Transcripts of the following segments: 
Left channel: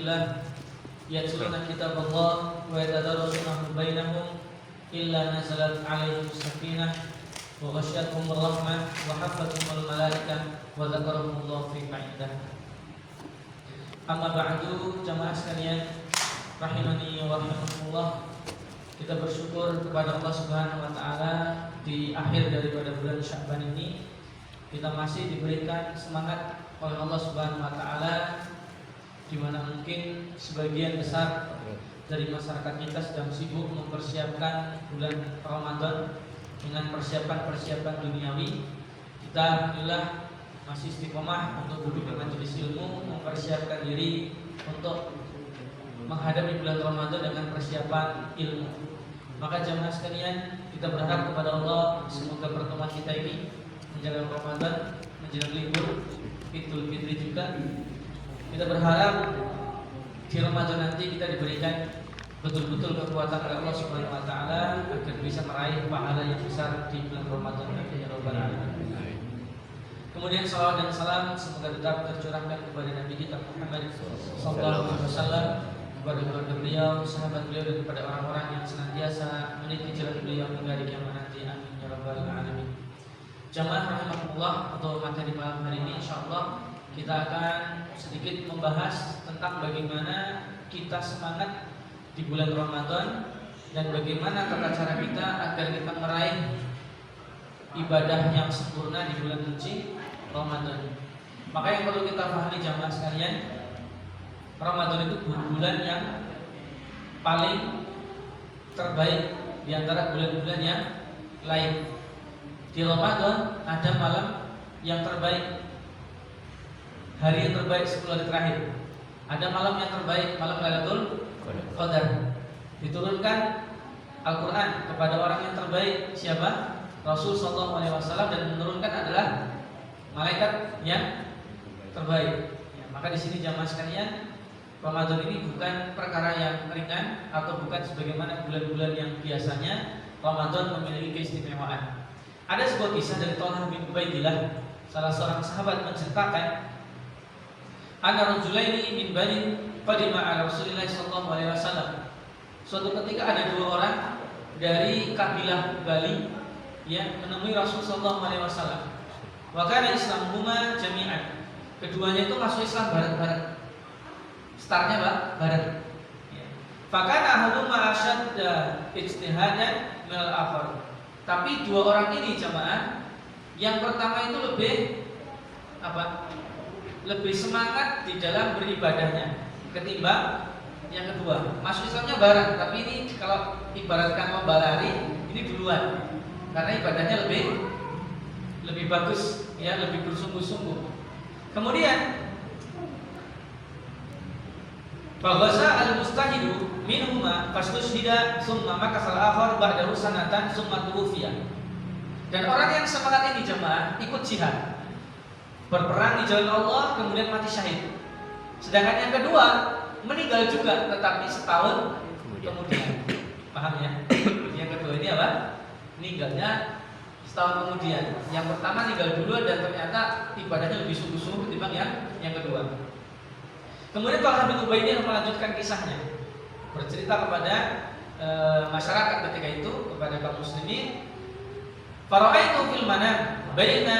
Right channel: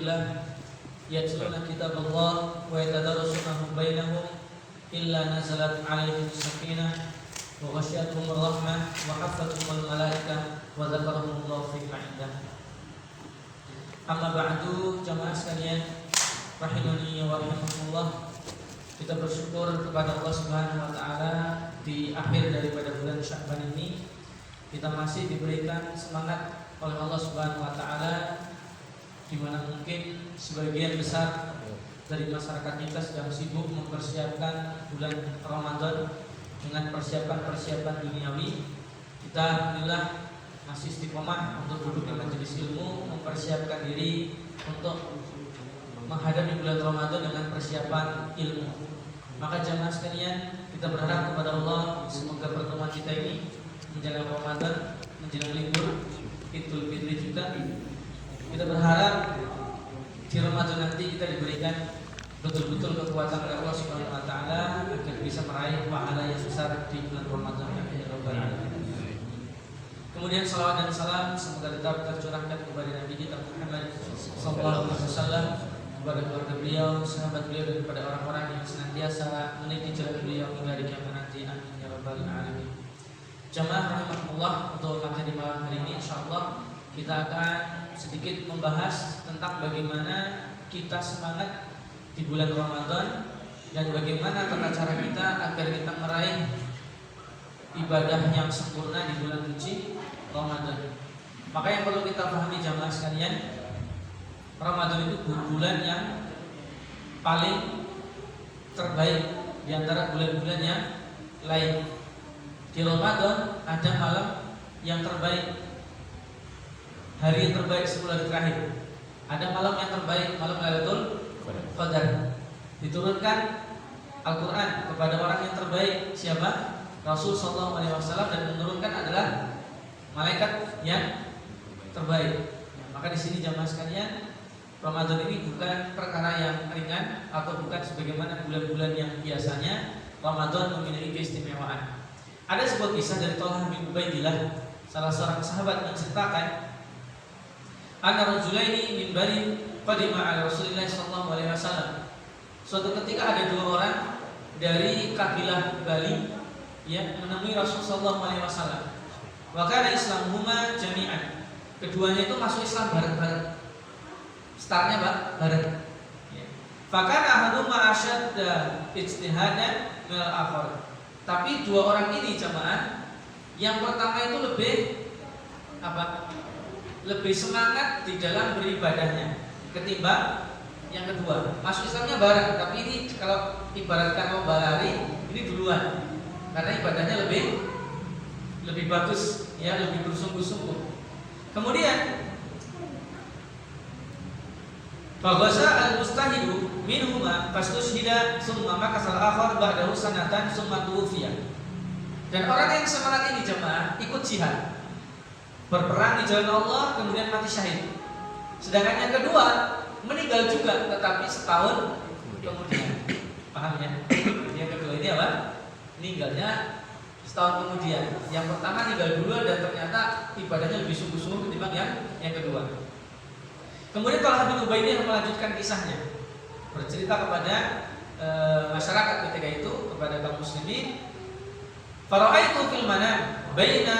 fillah yatluna kitaballah wa yatadarasunahu bainahum illa nazalat alaihim sakinah wa ghasyiyatuhum rahmah wa hafathumul malaikah wa dzakarahumullahu fi indah. Amma ba'du, jamaah sekalian rahimani wa rahimakumullah. Kita bersyukur kepada Allah Subhanahu wa taala di akhir daripada bulan Sya'ban ini kita masih diberikan semangat oleh Allah Subhanahu wa taala, di mana mungkin sebagian besar dari masyarakat kita sedang sibuk mempersiapkan bulan Ramadan dengan persiapan-persiapan duniawi. Kita alhamdulillah masih istiqomah untuk duduk di majelis ilmu, mempersiapkan diri untuk menghadapi bulan Ramadan dengan persiapan ilmu. Maka jamaah sekalian, kita berharap kepada Allah semoga pertemuan kita ini menjelang Ramadan, menjelang libur Idul Fitri juga, kita berharap di Ramadan nanti kita diberikan betul-betul kekuatan oleh Allah Subhanahu wa taala agar bisa meraih pahala yang besar di bulan Ramadan nanti ya rabbal alamin. Kemudian salawat dan salam semoga tetap tercurahkan kepada Nabi kita Muhammad sallallahu alaihi wasallam, kepada keluarga beliau, sahabat beliau, dan kepada orang-orang yang senantiasa meniti jalan beliau hingga hari kiamat nanti. Amin ya rabbal alamin. Jamaah rahimakumullah, untuk materi malam hari ini insyaallah kita akan sedikit membahas tentang bagaimana kita semangat di bulan Ramadan dan bagaimana tata cara kita agar kita meraih ibadah yang sempurna di bulan suci Ramadan. Maka yang perlu kita pahami jamaah sekalian, Ramadan itu bulan yang paling terbaik di antara bulan-bulan yang lain. Di Ramadan ada malam yang terbaik, hari yang terbaik 10 hari terakhir. Ada malam yang terbaik, malam Lailatul Qadar. Diturunkan Al-Quran kepada orang yang terbaik, siapa? Rasul sallallahu alaihi wasallam, dan menurunkan adalah malaikat yang terbaik. Maka di sini jamaah sekalian, Ramadan ini bukan perkara yang ringan atau bukan sebagaimana bulan-bulan yang biasanya. Ramadan memiliki keistimewaan. Ada sebuah kisah dari Thalhah bin Ubaidillah, salah seorang sahabat, menceritakan anna rajulaini min Bani qadima ala Rasulillah sallallahu alaihi wasallam. Suatu ketika ada dua orang dari kabilah Bali yang menemui Rasul sallallahu alaihi wasallam. Wa kana islamuhuma jami'an. Keduanya itu masuk Islam bareng-bareng. Startnya bareng. Fakana ahaduma asyadda ijtihadan minal akhar. Tapi dua orang ini jamaah, yang pertama itu lebih semangat di dalam beribadahnya ketimbang yang kedua. Masuk Islamnya bareng, tapi ini kalau ibaratkan lomba lari, ini duluan. Karena ibadahnya lebih bagus, ya, lebih bersungguh-sungguh. Kemudian Faghaza al-mustahidu minhuma fastushhida summa makasal akhar ba'dahu sanatan summa tuwfiya. Dan orang yang semangat ini jemaah ikut jihad, berperang di jalan Allah, kemudian mati syahid. Sedangkan yang kedua meninggal juga, tetapi setahun kemudian. Paham ya? Yang kedua ini apa? Meninggalnya setahun kemudian. Yang pertama meninggal dulu dan ternyata ibadahnya lebih sungguh-sungguh ketimbang yang kedua. Kemudian Thalhah bin Ubaidillah melanjutkan kisahnya, bercerita kepada masyarakat ketika itu, kepada kaum muslimin. Fara'aitu fil manam baina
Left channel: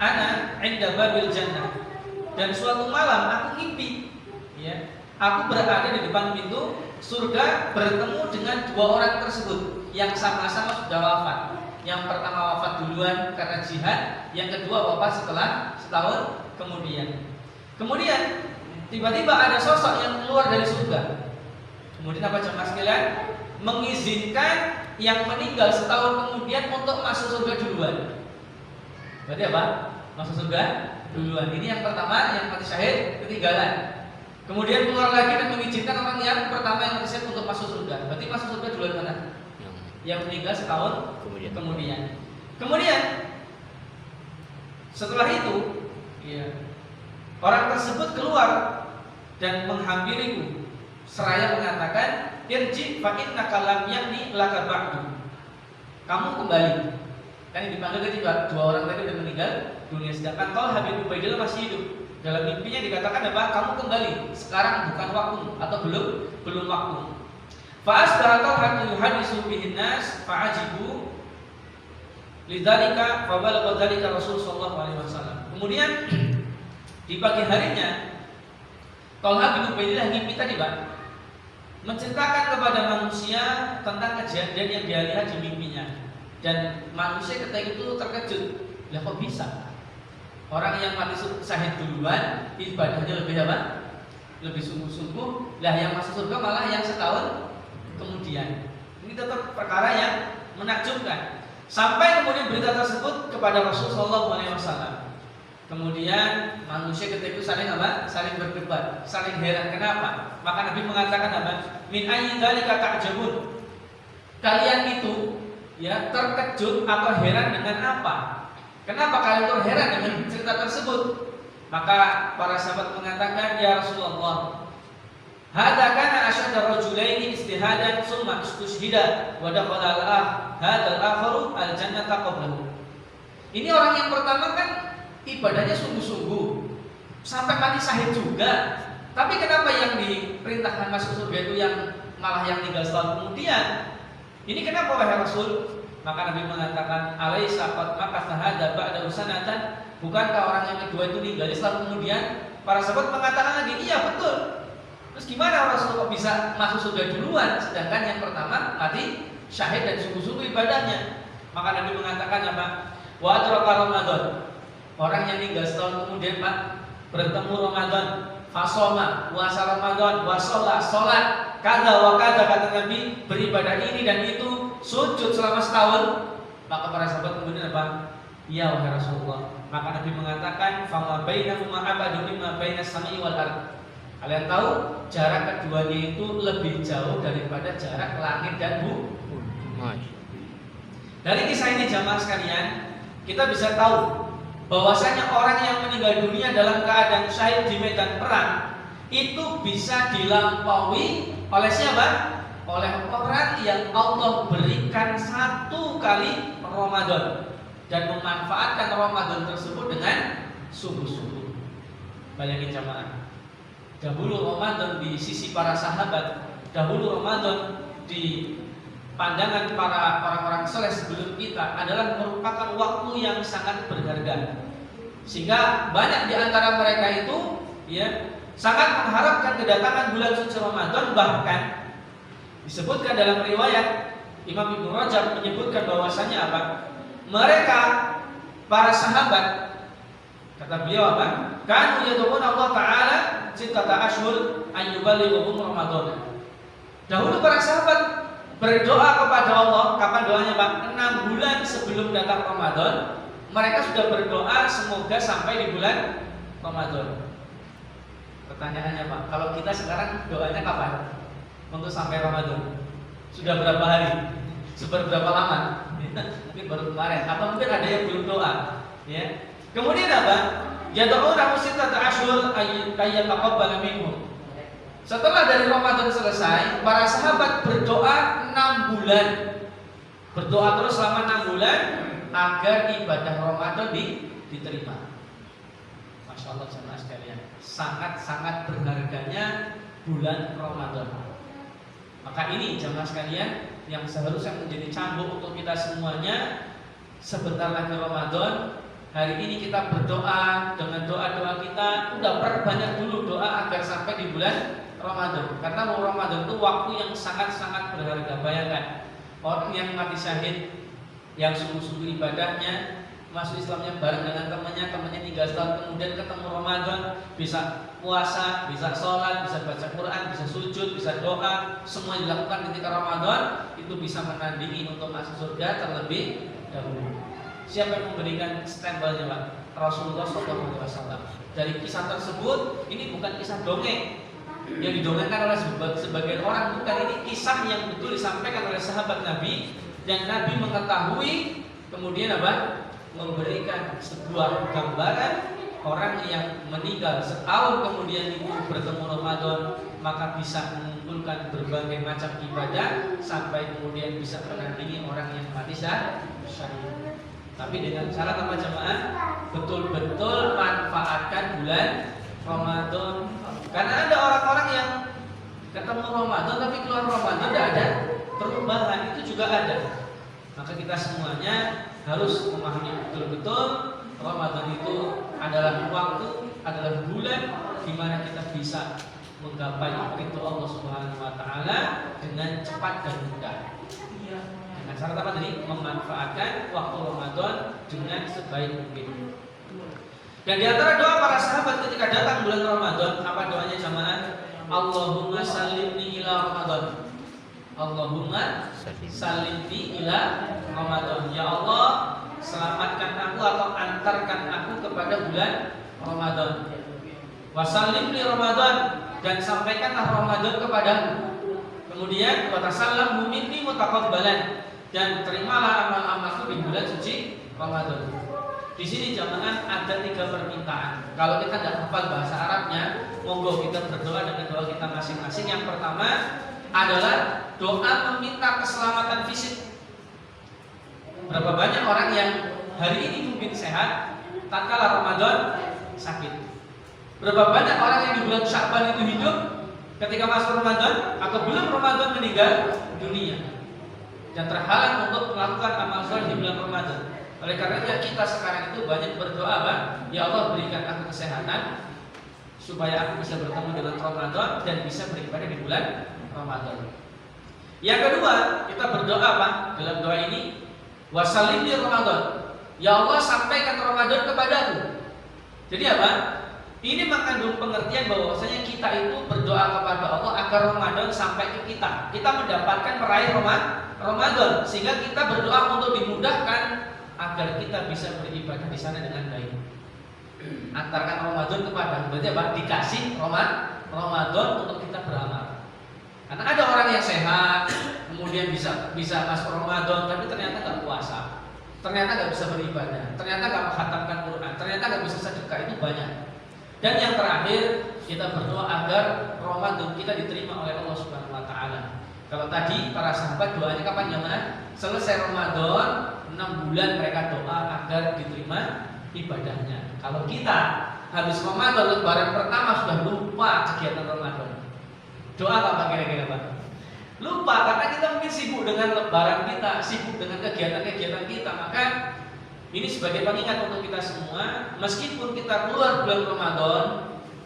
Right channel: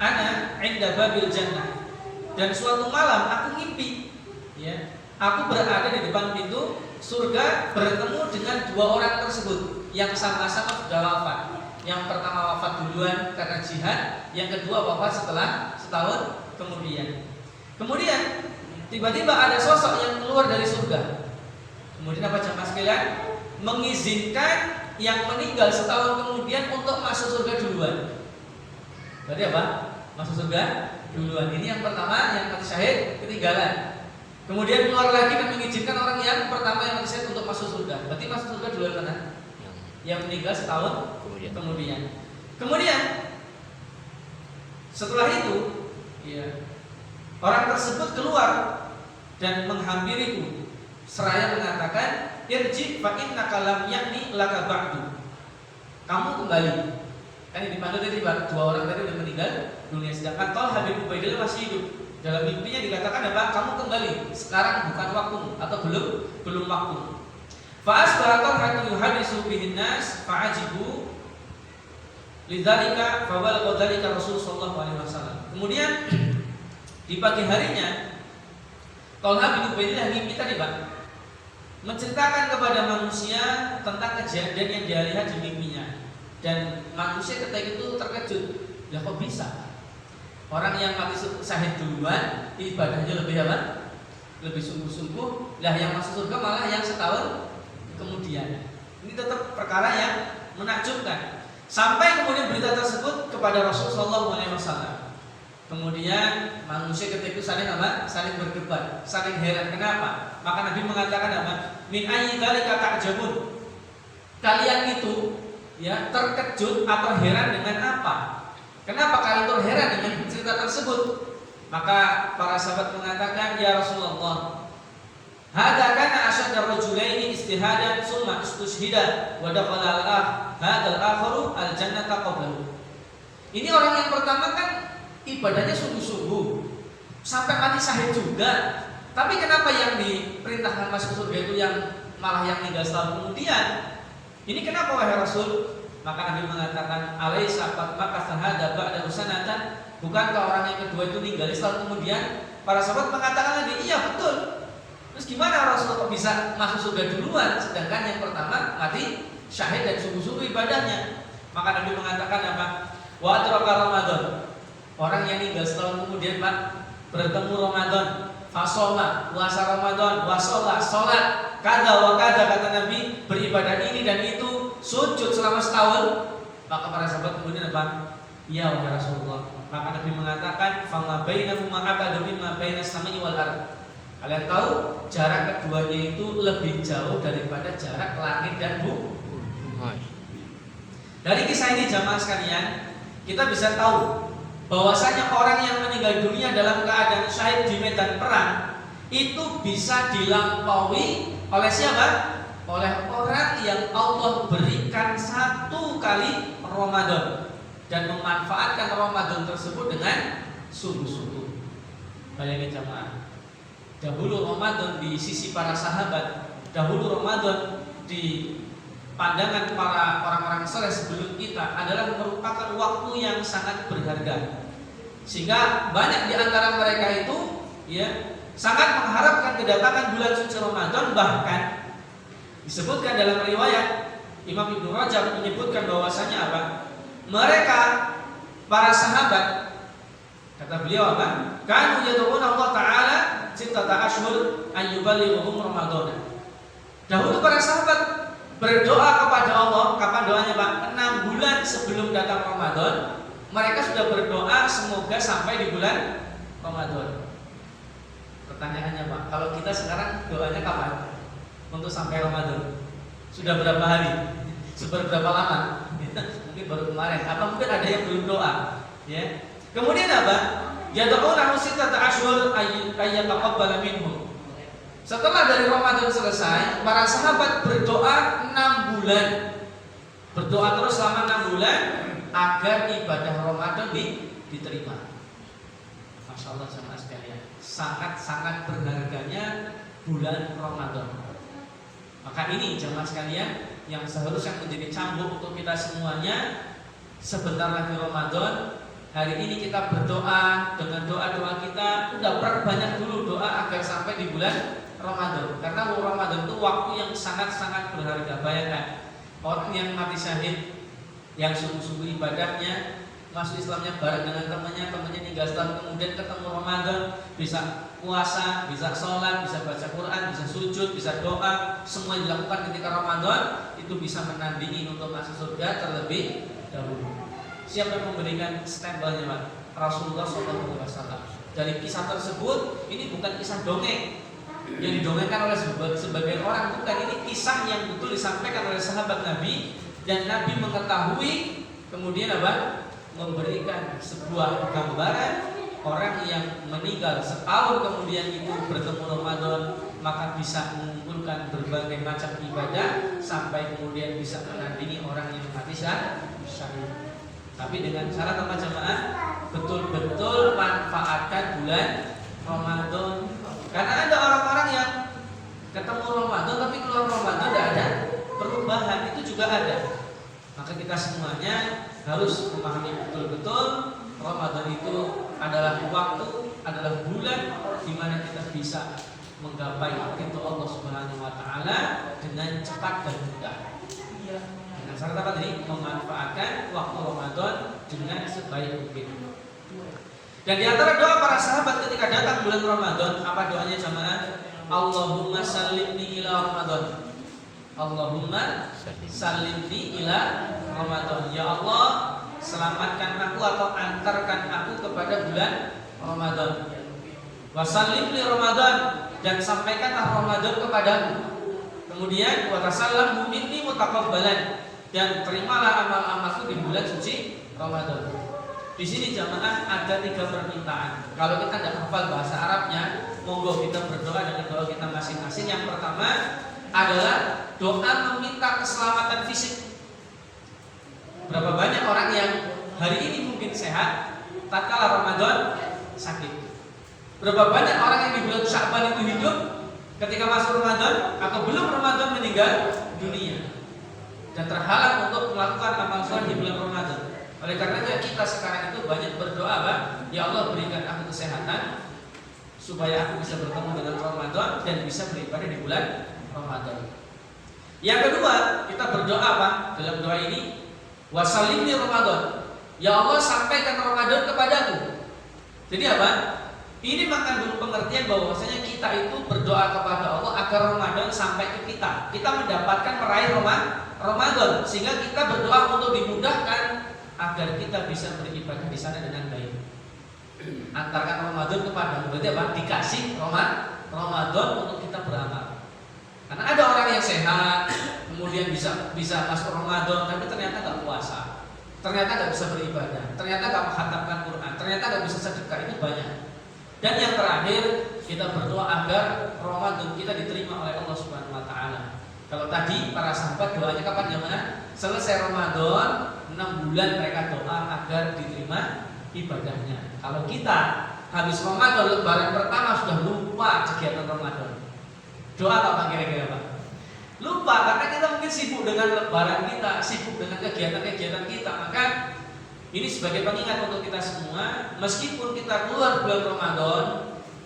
ana 'inda babil jannah. Dan suatu malam aku ngimpi, ya, aku berada di depan pintu surga bertemu dengan dua orang tersebut yang sama-sama sudah wafat. Yang pertama wafat duluan karena jihad, yang kedua wafat setelah setahun kemudian. Kemudian tiba-tiba ada sosok yang keluar dari surga. Kemudian apa jemaah sekalian? Mengizinkan yang meninggal setahun kemudian untuk masuk surga duluan. Berarti apa? Masuk surga duluan. Ini yang pertama, yang mati syahid ketinggalan. Kemudian keluar lagi dan mengizinkan orang yang pertama yang mati syahid untuk masuk surga. Berarti masuk surga duluan mana? Yang meninggal setahun kemudian. Kemudian setelah itu, ya, orang tersebut keluar dan menghampiriku seraya mengatakan, irji fa innaka lam yakni laka ba'du. Kamu kembali. Kan yang dipanggil tadi dua orang tadi sudah meninggal dunia, sedangkan Thalhah bin Ubaidillah masih hidup. Dalam mimpinya dikatakan apa? Kamu kembali. Sekarang bukan waktu atau belum waktu. Fa'asbaha Talha yuhadisu bihin nas fa'ajibu lidzalika fabalagha dzalika Rasul sallallahu alaihi wasallam. Kemudian di pagi harinya Talha bin Ubaidillah mimpi tadi, Pak, menceritakan kepada manusia tentang kejadian yang dia lihat di mimpinya. Dan manusia ketika itu terkejut. Lah kok bisa? Orang yang mati syahid duluan ibadahnya lebih apa? Lebih sungguh-sungguh. Lah yang masuk surga malah yang setahun kemudian. Ini tetap perkara yang menakjubkan. Sampai kemudian berita tersebut kepada Rasulullah SAW. Kemudian manusia ketika itu saling apa? Saling berdebat, saling heran. Kenapa? Maka Nabi mengatakan apa? Min ayyi dzalika ta'jabun. Kalian itu ya terkejut atau heran dengan apa? Kenapa kalian terheran dengan cerita tersebut? Maka para sahabat mengatakan, ya Rasulullah, hadza kana asyadda rajulaini istihadan summa istushhida wa dakhala hadzal akharu al-jannata qablahu. Ini orang yang pertama kan ibadahnya sungguh-sungguh sampai mati syahid juga. Tapi kenapa yang diperintahkan masuk surga itu yang malah yang tinggal setahun kemudian? Ini kenapa wahai Rasul? Maka Nabi mengatakan, alaisa qad makatha hadza ba'da sanatan? Bukankah orang yang kedua itu tinggal setahun kemudian? Para sahabat mengatakan lagi, iya betul. Terus gimana Rasul kok bisa masuk surga duluan, sedangkan yang pertama mati syahid dan sungguh-sungguh ibadahnya? Maka Nabi mengatakan apa? Wa adraka Ramadan. Orang yang tinggal setahun kemudian, Pak, bertemu Ramadan, fasoma, puasa Ramadan, wasolah, sholat, kada wa kada, kata Nabi, beribadah ini dan itu, sujud selama setahun. Maka para sahabat kemudian apa? Ya wahai Rasulullah. Maka Nabi mengatakan, fama bainahuma abadu mimma bainas samai wal ardh. Kalian tahu jarak keduanya itu lebih jauh daripada jarak langit dan bumi. Dari kisah ini jamaah sekalian, kita bisa tahu bahwasanya orang yang meninggal dunia dalam keadaan syahid di medan perang itu bisa dilampaui oleh siapa? Oleh orang yang Allah berikan satu kali Ramadan dan memanfaatkan Ramadan tersebut dengan sungguh-sungguh. Bayangin jamaah, dahulu Ramadan di sisi para sahabat, dahulu Ramadan di pandangan para orang-orang saleh sebelum kita adalah merupakan waktu yang sangat berharga. Sehingga banyak di antara mereka itu ya sangat mengharapkan kedatangan bulan suci Ramadan. Bahkan disebutkan dalam riwayat Imam Ibnu Rajab menyebutkan bahwasanya apa? Mereka para sahabat, kata beliau apa? Kanu yad'una Allah Ta'ala sittata ashhur ayyuballighum Ramadan. Dahulu para sahabat berdoa kepada Allah. Kapan doanya, Pak? 6 bulan sebelum datang Ramadan. Mereka sudah berdoa semoga sampai di bulan Ramadan. Pertanyaannya, Pak, kalau kita sekarang doanya kapan? Untuk sampai Ramadan. Sudah berapa hari? Seberapa lama? Mungkin baru kemarin. Atau mungkin ada yang belum doa. Ya. Kemudian apa? Yad'una sittata ashhur ayyataqabbala minhum. Setelah dari Ramadan selesai, para sahabat berdoa 6 bulan. Berdoa terus selama 6 bulan agar ibadah Ramadan diterima. Masya Allah jemaah sekalian, sangat-sangat berharganya bulan Ramadan. Maka ini jemaah sekalian yang seharusnya menjadi cambuk untuk kita semuanya. Sebentar lagi Ramadan. Hari ini kita berdoa dengan doa-doa kita. Udah perbanyak dulu doa agar sampai di bulan Ramadan. Karena Ramadan itu waktu yang sangat-sangat berharga. Bayangkan orang yang mati syahid, yang sungguh-sungguh ibadahnya, masuk Islamnya bareng dengan temannya tinggal setahun kemudian ketemu Ramadan, bisa puasa, bisa sholat, bisa baca Quran, bisa sujud, bisa doa, semua yang dilakukan ketika Ramadan itu bisa menandingi untuk masuk surga terlebih dahulu. Siapa yang memberikan stempelnya, Pak? Rasulullah SAW. Dari kisah tersebut, ini bukan kisah dongeng yang didongengkan oleh sebagian orang, bukan. Ini kisah yang betul disampaikan oleh sahabat Nabi, dan Nabi mengetahui, kemudian apa? Memberikan sebuah gambaran orang yang meninggal setahun kemudian itu bertemu Ramadan, maka bisa mengumpulkan berbagai macam ibadah sampai kemudian bisa menandingi orang yang mati syahid. Tapi dengan syarat apa jemaah? betul-betul manfaatkan bulan Ramadan. Karena ada orang-orang yang ketemu Ramadan tapi keluar Ramadan tidak ada perubahan, itu juga ada. Maka kita semuanya harus memahami betul-betul Ramadan itu adalah waktu, adalah bulan di mana kita bisa menggapai ridho Allah Subhanahu wa taala dengan cepat dan mudah. Dengan syarat apa tadi? Memanfaatkan waktu Ramadan dengan sebaik mungkin. Dan di antara doa para sahabat ketika datang bulan Ramadan, apa doanya jamaah? Allahumma sallimni ila Ramadan. Allahumma sallimni ila Ramadan. Ya Allah, selamatkan aku atau antarkan aku kepada bulan Ramadan. Wasallim li Ramadan, dan sampaikanlah Ramadan kepadaku. Kemudian watasallam minni mutaqabbalan, dan terimalah amal-amalku di bulan suci Ramadan. Di sini jamaah ada 3 permintaan. Kalau kita tidak hafal bahasa Arabnya, monggo kita berdoa dengan doa kita masing-masing. Yang pertama adalah doa meminta keselamatan fisik. Berapa banyak orang yang hari ini mungkin sehat, tatkala Ramadan sakit. Berapa banyak orang yang di bulan Sya'ban itu hidup, ketika masuk Ramadan atau belum Ramadan meninggal dunia dan terhalang untuk melakukan amal soleh di bulan Ramadan. Oleh karenanya kita sekarang itu banyak berdoa, Pak, ya Allah berikan aku kesehatan supaya aku bisa bertemu dengan Ramadan dan bisa beribadah di bulan Ramadan. Yang kedua, kita berdoa, Pak, dalam doa ini, wasallim li Ramadan. Ya Allah, sampaikan Ramadan kepadaku. Jadi apa? Ini mengandung pengertian bahwasanya kita itu berdoa kepada Allah agar Ramadan sampai ke kita. Kita mendapatkan meraih Ramadan, sehingga kita berdoa untuk dimudahkan agar kita bisa beribadah di sana dengan baik. Antarkan Ramadan kepada, berarti apa? Dikasih Ramadan untuk kita beramal. Karena ada orang yang sehat, kemudian bisa masuk Ramadan, tapi ternyata nggak puasa, ternyata nggak bisa beribadah, ternyata nggak menghatamkan Quran, ternyata nggak bisa sedekah, itu banyak. Dan yang terakhir, kita berdoa agar Ramadan kita diterima oleh Allah Subhanahu wa taala. Kalau tadi para sahabat doanya kapan jamaah? Selesai Ramadan, 6 bulan mereka doa agar diterima ibadahnya. Kalau kita habis Ramadan, lebaran pertama sudah lupa kegiatan Ramadan. Doa apa kira-kira Pak? Lupa, karena kita mungkin sibuk dengan lebaran kita, sibuk dengan kegiatan-kegiatan kita. Maka ini sebagai pengingat untuk kita semua, meskipun kita keluar bulan Ramadan,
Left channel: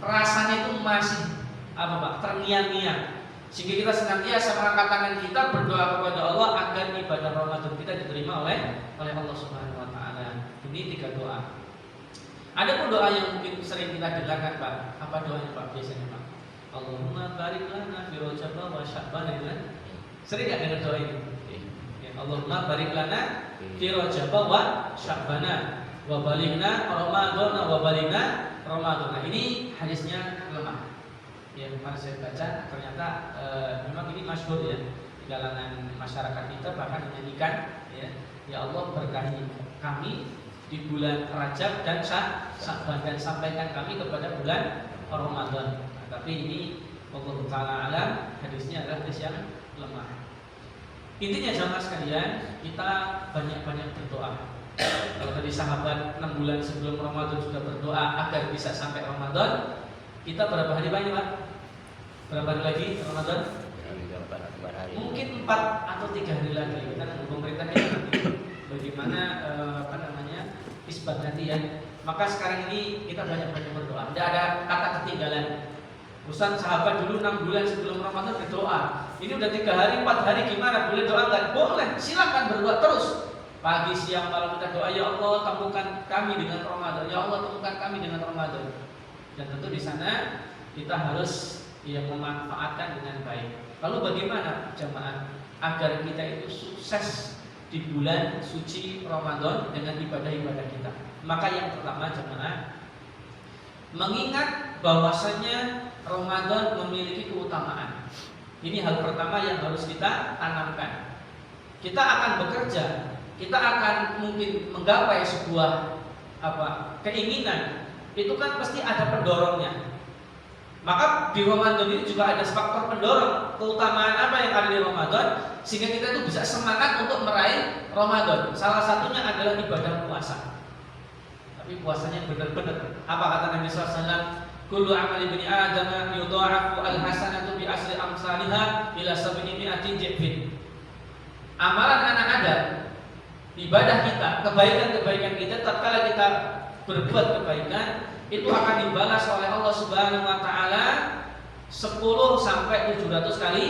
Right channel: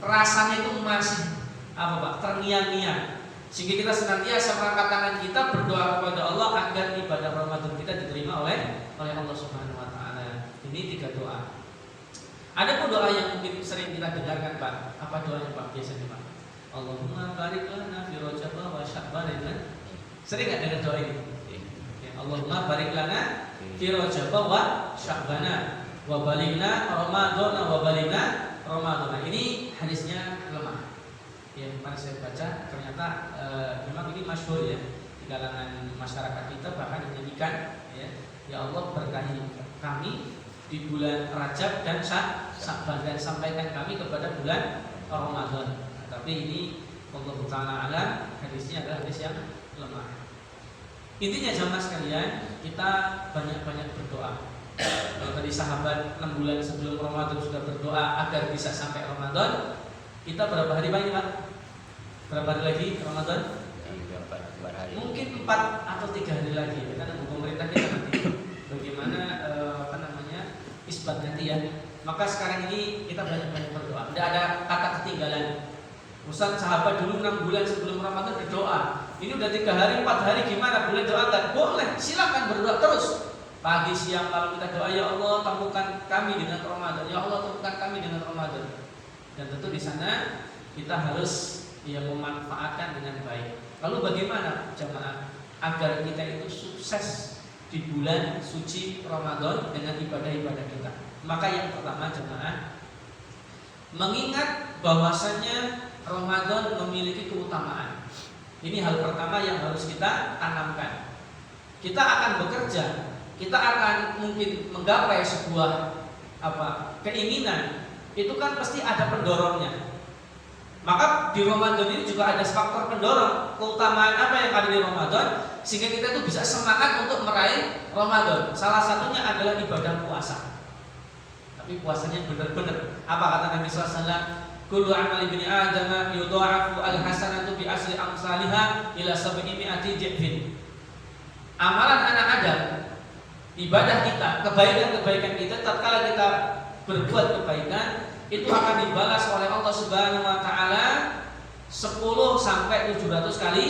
rasanya itu masih apa Pak? Terngiang-ngiang. Sehingga kita senantiasa mengangkat tangan kita berdoa kepada Allah agar ibadah Ramadan kita diterima oleh Allah Subhanahu wa taala. Ini 3 doa. Ada pun doa yang mungkin sering kita dengarkan, Pak. Apa doanya Pak biasanya, Pak? Allahumma barik lana fi Rajab wa Sya'ban. Sering enggak dengar doa ini? Ya, Allahumma barik lana fi Rajab wa Sya'ban wa balighna Ramadan wa balighna Ramadan. Ini hadisnya lemah. Yang kemarin saya baca ternyata memang ini masyhur ya di kalangan masyarakat kita, bahkan menjadikan ya Allah berkahi kami di bulan Rajab dan Sya'ban dan sampaikan kami kepada bulan Ramadan. Nah, tapi ini Allah Ta'ala alam, hadisnya adalah hadis yang lemah. Intinya jamaah sekalian, kita banyak-banyak berdoa. Kalau tadi sahabat 6 bulan sebelum Ramadan sudah berdoa agar bisa sampai Ramadan, kita berapa hari Pak ini Pak? Berapa hari lagi Ramadan? 4 hari. Mungkin 4 atau 3 hari lagi. Kita nunggu pemerintah kita nanti bagaimana isbat nanti ya. Maka sekarang ini kita banyak-banyak berdoa. Tidak ada kata ketinggalan. Ustaz sahabat dulu 6 bulan sebelum Ramadan berdoa. Ini udah 3 hari, 4 hari gimana? Boleh doa enggak? Boleh. Silakan berdoa terus. Pagi, siang, malam kita doa, ya Allah temukan kami dengan Ramadan. Ya Allah temukan kami dengan Ramadan. Dan tentu di sana kita harus memanfaatkan dengan baik. Lalu bagaimana jamaah agar kita itu sukses di bulan suci Ramadan dengan ibadah-ibadah kita? Maka yang pertama jemaah, mengingat bahwasanya Ramadan memiliki keutamaan. Ini hal pertama yang harus kita tanamkan. Kita akan bekerja, kita akan mungkin menggapai sebuah keinginan, itu kan pasti ada pendorongnya. Maka di Ramadan ini juga ada faktor pendorong. Keutamaan apa yang ada di Ramadan sehingga kita itu bisa semangat untuk meraih Ramadan. Salah satunya adalah ibadah puasa. tapi puasanya benar-benar. Apa kata Nabi SAW? Kullu amali ibni Adam yudha'afu al-hasanatu bi asri amsalihha ila 700 dhifin. Amalan anak Adam, ibadah kita, kebaikan-kebaikan kita tatkala kita berbuat kebaikan itu akan dibalas oleh Allah Subhanahu wa taala 10 sampai 700 kali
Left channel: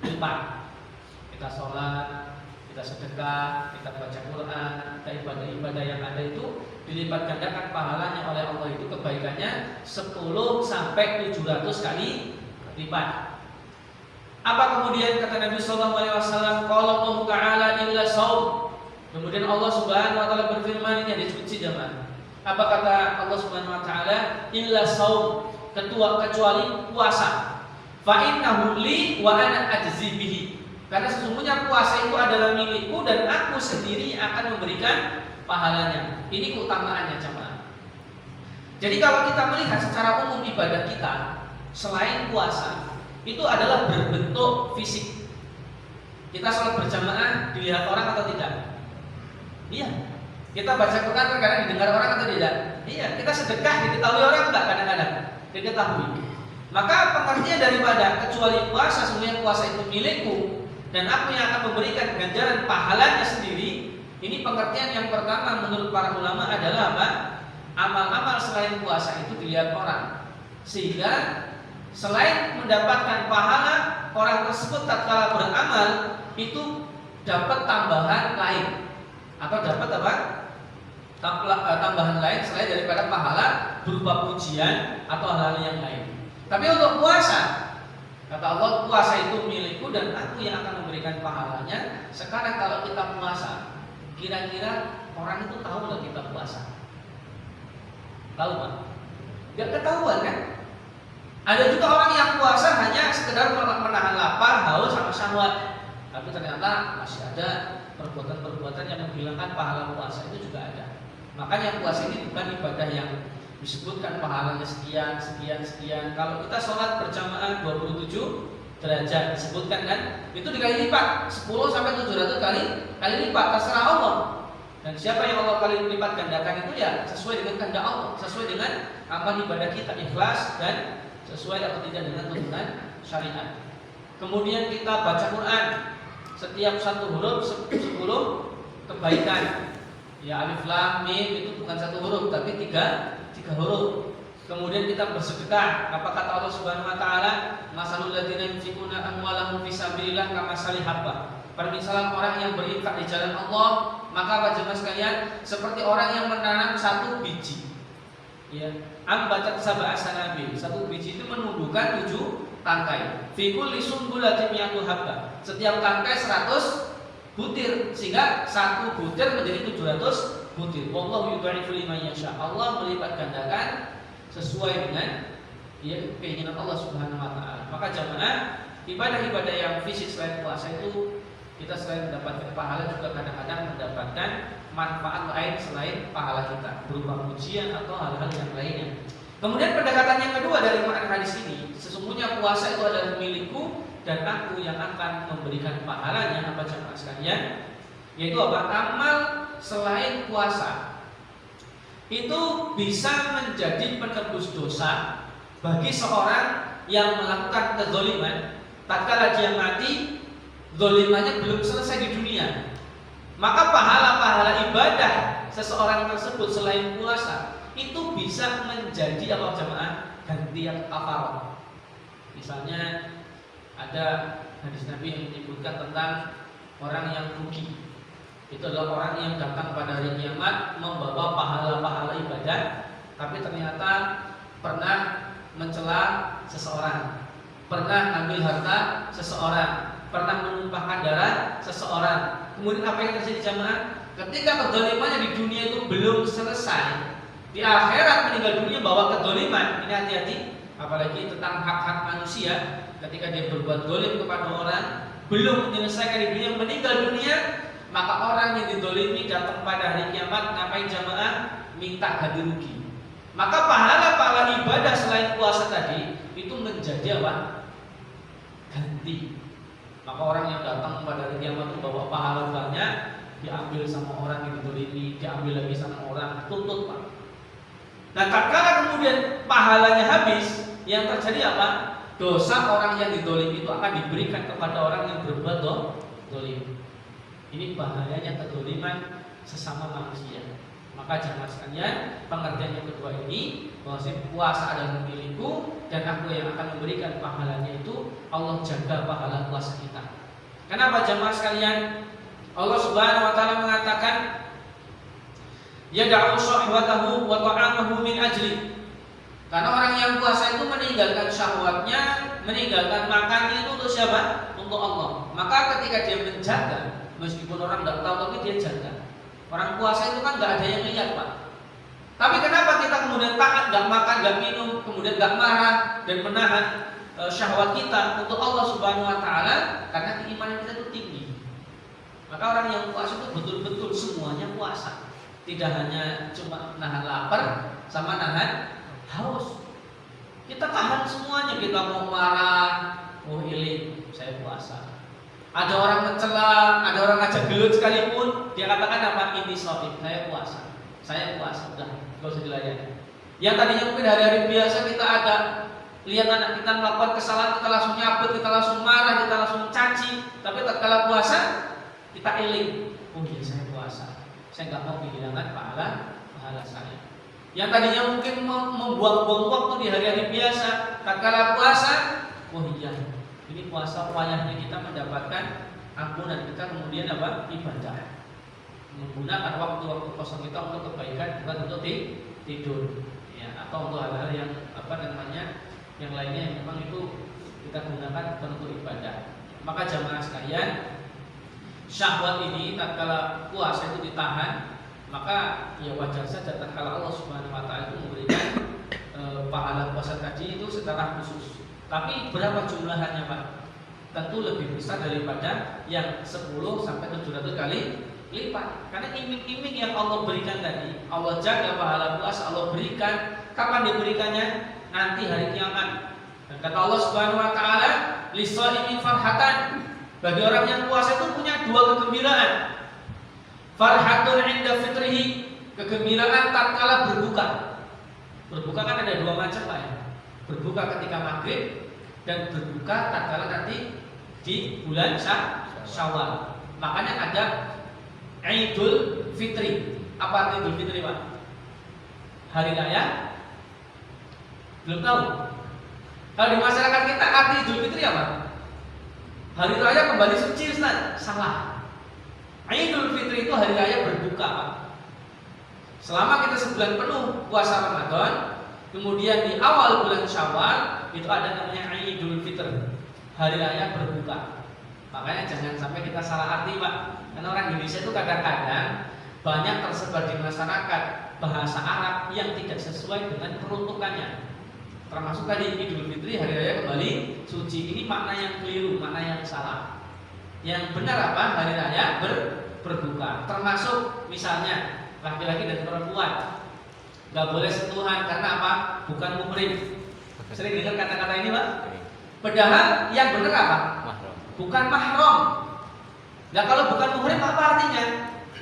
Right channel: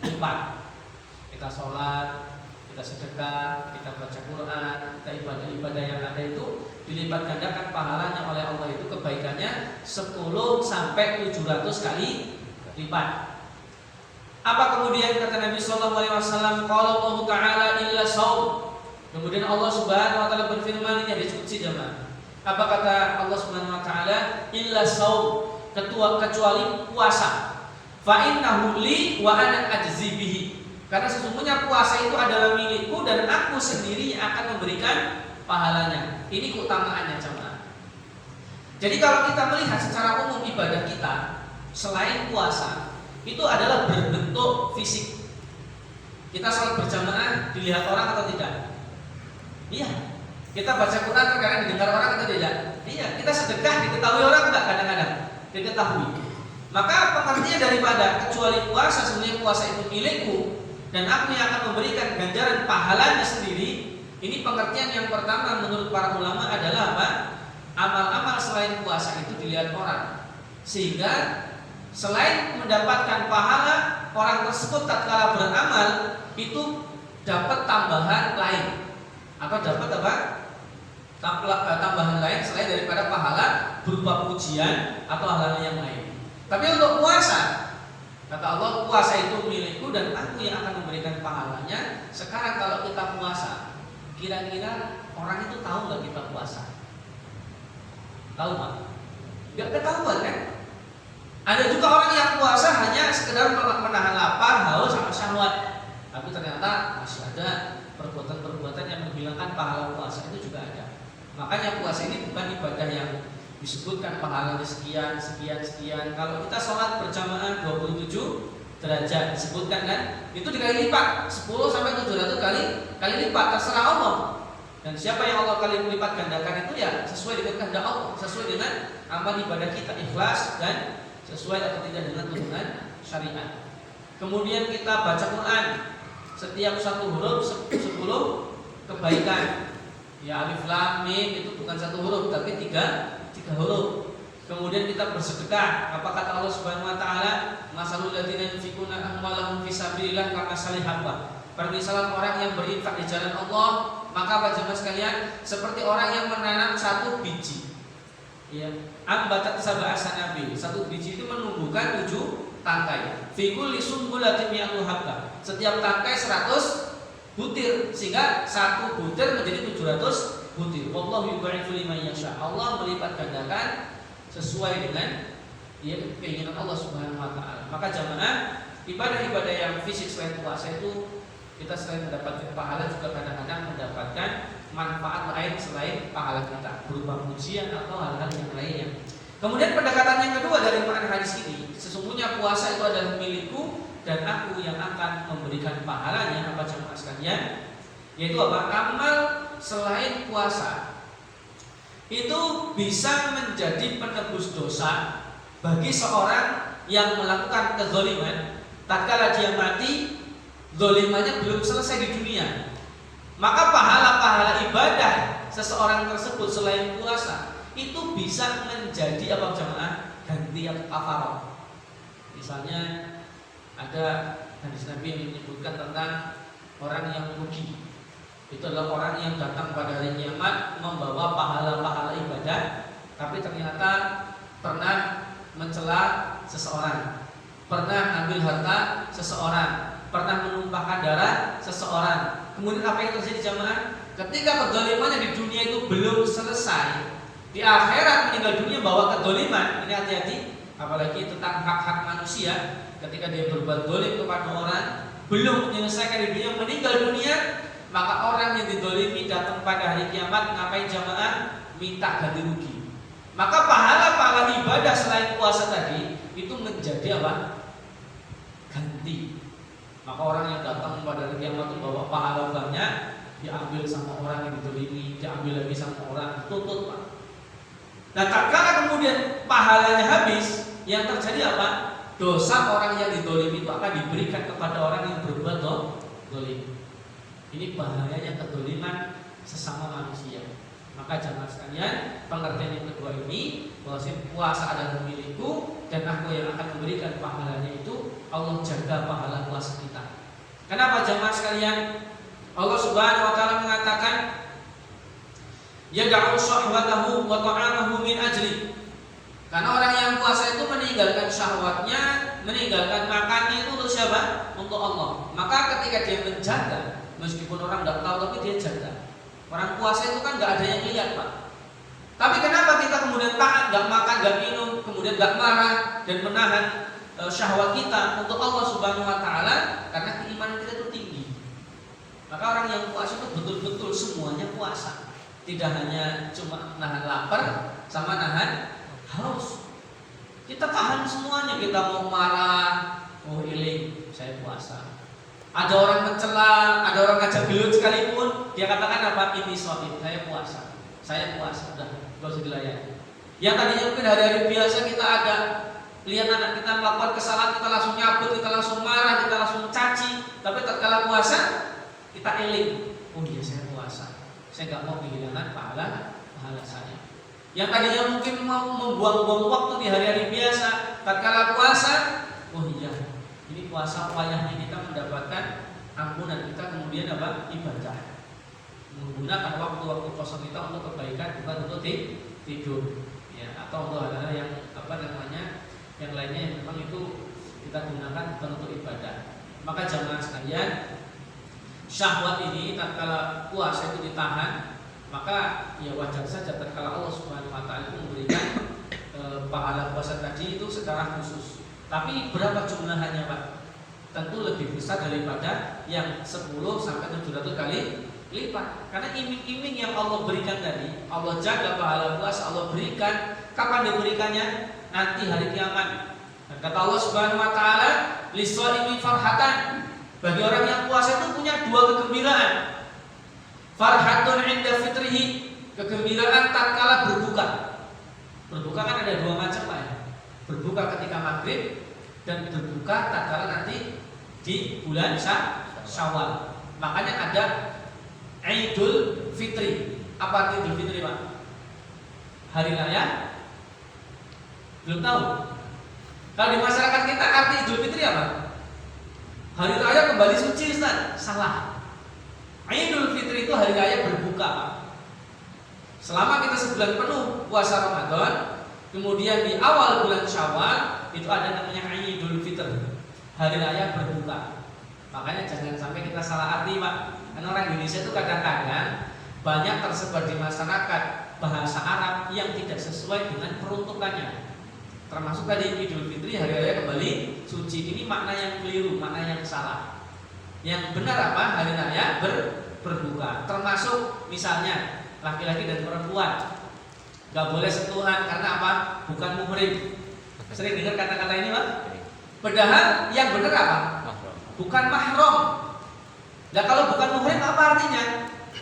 lipat. Kita sholat, kita sedekah, kita baca Quran, kita ibadah-ibadah yang ada itu dilipat gandakan pahalanya oleh Allah itu kebaikannya 10 sampai 700 kali lipat. Apa kemudian kata Nabi sallallahu alaihi wasallam, qala Allah taala illa shaum. Kemudian Allah Subhanahu wa taala berfirman, ini disebut jamaah. Apa kata Allah Subhanahu wa taala? Illa shaum, kecuali puasa. Fa innahu li wa ana ajzi bihi. Karena sesungguhnya puasa itu adalah milikku dan aku sendiri yang akan memberikan pahalanya. Ini keutamaannya jemaah. Jadi kalau kita melihat secara umum ibadah kita selain puasa itu adalah berbentuk fisik. Kita sholat berjamaah dilihat orang atau tidak? Iya. Kita baca Quran terkadang didengar orang atau tidak? Iya. Kita sedekah diketahui orang enggak kadang-kadang? Diketahui. Maka pengertian daripada kecuali puasa, sebenarnya puasa itu milikku dan aku yang akan memberikan ganjaran pahalanya sendiri. Ini pengertian yang pertama menurut para ulama adalah apa? Amal-amal selain puasa itu dilihat orang, sehingga selain mendapatkan pahala, orang tersebut tatkala beramal itu dapat tambahan lain atau dapat apa? Tambahan lain selain daripada pahala berupa pujian atau hal-hal yang lain. Tapi untuk puasa, kata Allah, puasa itu milikku dan aku yang akan memberikan pahalanya. Sekarang kalau kita puasa, kira-kira orang itu tahu nggak kita puasa? Tahu Pak? Nggak ketahuan kan? Ada juga orang yang puasa hanya sekedar menahan lapar, haus, sama syahwat. Tapi ternyata masih ada perbuatan-perbuatan yang menghilangkan pahala puasa, itu juga ada. Makanya puasa ini bukan ibadah yang disebutkan pahalanya sekian. Kalau kita sholat berjamaah 27 derajat disebutkan kan, itu dikali lipat 10 sampai 700 kali lipat, terserah Allah. Dan siapa yang Allah kali lipat gandakan itu ya sesuai dengan kehendak Allah, sesuai dengan amal ibadah kita, ikhlas dan sesuai atau tidak dengan tuntunan syariat. Kemudian kita baca Quran, setiap satu huruf 10 kebaikan. Ya alif lam mim itu bukan satu huruf tapi tiga huruf. Kemudian kita bersedekah. Apa kata Allah Subhanahu wa taala? Masalul ladzina yunfiquna amwalahum fi sabilillah kamasali habba. Permisalan orang yang berinfak di jalan Allah, maka apa jemaah sekalian, seperti orang yang menanam satu biji. Ya, ambatat sab'a sanabil. Satu biji itu menumbuhkan 7 tangkai. Fi kulli sumbulatin mi'atu habba. Setiap tangkai 100 butir, sehingga satu butir menjadi 700 butir. Wallahu yudha'ifu liman yasha. Allah melipat gandakan sesuai dengan keinginan Allah Subhanahu wa taala. Maka jamaah, ibadah-ibadah yang fisik selain puasa itu kita selain mendapatkan pahala juga kadang-kadang mendapatkan manfaat lain selain pahala kita berupa pujian atau hal-hal yang lainnya. Kemudian pendekatan yang kedua dari makna hadis ini, sesungguhnya puasa itu adalah milikku dan aku yang akan memberikan pahalanya. Apa jemaah sekalian? Yaitu apa? Amal selain puasa itu bisa menjadi penebus dosa bagi seorang yang melakukan kezaliman tatkala dia mati, zalimannya belum selesai di dunia. Maka pahala-pahala ibadah seseorang tersebut selain puasa itu bisa menjadi apa jemaah? Gantian kafarat. Misalnya ada hadis Nabi yang menyebutkan tentang orang yang rugi. Itu adalah orang yang datang pada hari kiamat membawa pahala-pahala ibadah, tapi ternyata pernah mencela seseorang, pernah ambil harta seseorang, pernah menumpahkan darah seseorang. Kemudian apa yang terjadi jamaah? Ketika kezalimannya di dunia itu belum selesai, di akhirat meninggal dunia bawa kezaliman. Ini hati-hati, apalagi tentang hak-hak manusia. Ketika dia berbuat zalim kepada orang, belum menyelesaikan di dunia, meninggal dunia, maka orang yang dizalimi datang pada hari kiamat, ngapain jamaah? Minta ganti rugi. Maka pahala-pahala ibadah selain puasa tadi itu menjadi apa? Ganti. Maka orang yang datang pada hari kiamat itu bawa pahala banyak, diambil sama orang yang dizalimi, diambil lagi sama orang, tuntut Pak. Nah, tatkala kemudian pahalanya habis, yang terjadi apa? Dosa orang yang didolimi itu akan diberikan kepada orang yang berbuat dolim. Ini bahayanya kedoliman sesama manusia. Maka jemaah sekalian, pengertian yang kedua ini bahwa puasa adalah milikku dan aku yang akan memberikan pahalanya itu. Allah jaga pahala puasa kita. Kenapa jemaah sekalian? Allah Subhanahu wa taala mengatakan yad'u syahwatahu wa ta'amahu min ajli. Karena orang yang puasa itu meninggalkan syahwatnya, meninggalkan makannya itu untuk siapa? Untuk Allah. Maka ketika dia menjaga, meskipun orang tidak tahu tapi dia jaga. Orang puasa itu kan nggak ada yang lihat, Pak. Tapi kenapa kita kemudian taat, nggak makan, nggak minum, kemudian nggak marah dan menahan syahwat kita untuk Allah Subhanahu Wa Taala? Karena keimanan kita itu tinggi. Maka orang yang puasa itu betul-betul semuanya puasa, tidak hanya cuma nahan lapar sama nahan haus. Kita tahan semuanya. Kita mau marah, oh iling, saya puasa. Ada orang mencela, ada orang ngajak gelut sekalipun, dia katakan apa? Ini shopee, saya puasa. Saya puasa, udah gak usah dilayani. Yang tadinya mungkin hari-hari biasa kita ada lihat anak kita melakukan kesalahan, kita langsung nyabut, kita langsung marah, kita langsung caci. Tapi tatkala puasa, kita eling. Oh iya, saya puasa. Saya nggak mau kehilangan pahala saya. Yang tadinya mungkin membuang-buang waktu di hari-hari biasa, tatkala puasa, oh iya, ini puasa wayahnya kita mendapatkan ampunan kita, kemudian apa? Ibadah. Menggunakan waktu-waktu kosong kita untuk kebaikan, bukan untuk tidur, ya, atau untuk hal-hal yang yang lainnya yang memang itu kita gunakan bukan untuk ibadah. Maka jamaah sekalian, syahwat ini tatkala puasa itu ditahan, maka ya wajar saja tatkala Allah Subhanahu Wa Taala itu memberikan pahala puasa tadi itu secara khusus. Tapi berapa jumlahannya, Pak? Tentu lebih besar daripada yang 10 sampai 700 kali lipat. Karena iming-iming yang Allah berikan tadi, Allah jaga pahala puasa, Allah berikan. Kapan diberikannya? Nanti hari kiamat. Dan kata Allah Subhanahu Wa Taala, "Lis-shaimi farhatan." Bagi orang yang puasa itu punya dua kegembiraan. Farhatun 'inda fitrihi, kegembiraan tatkala berbuka. Berbuka kan ada dua macam, Pak ya. Berbuka ketika maghrib dan berbuka tatkala nanti di bulan Syawal. Makanya ada Idul Fitri. Apa arti Idul Fitri, Pak? Hari raya? Belum tahu. Kalau di masyarakat kita arti Idul Fitri apa? Hari raya kembali suci, Ustaz. Salah. Idul Fitri itu hari raya berbuka, Pak. Selama kita sebulan penuh puasa Ramadan, kemudian di awal bulan Syawal itu ada namanya Idul Fitr, hari raya berbuka. Makanya jangan sampai kita salah arti, Pak. Karena orang Indonesia itu kadang-kadang banyak tersebar di masyarakat bahasa Arab yang tidak sesuai dengan peruntukannya. Termasuk tadi Idul Fitri, hari raya kembali suci. Ini makna yang keliru, makna yang salah. Yang benar apa? Hari raya berbuka. Termasuk misalnya laki-laki dan perempuan nggak boleh sentuhan karena apa? Bukan muhrim. Sering dengar kata-kata ini, Pak? Padahal yang benar apa? Bukan mahram. Nah, kalau bukan muhrim apa artinya?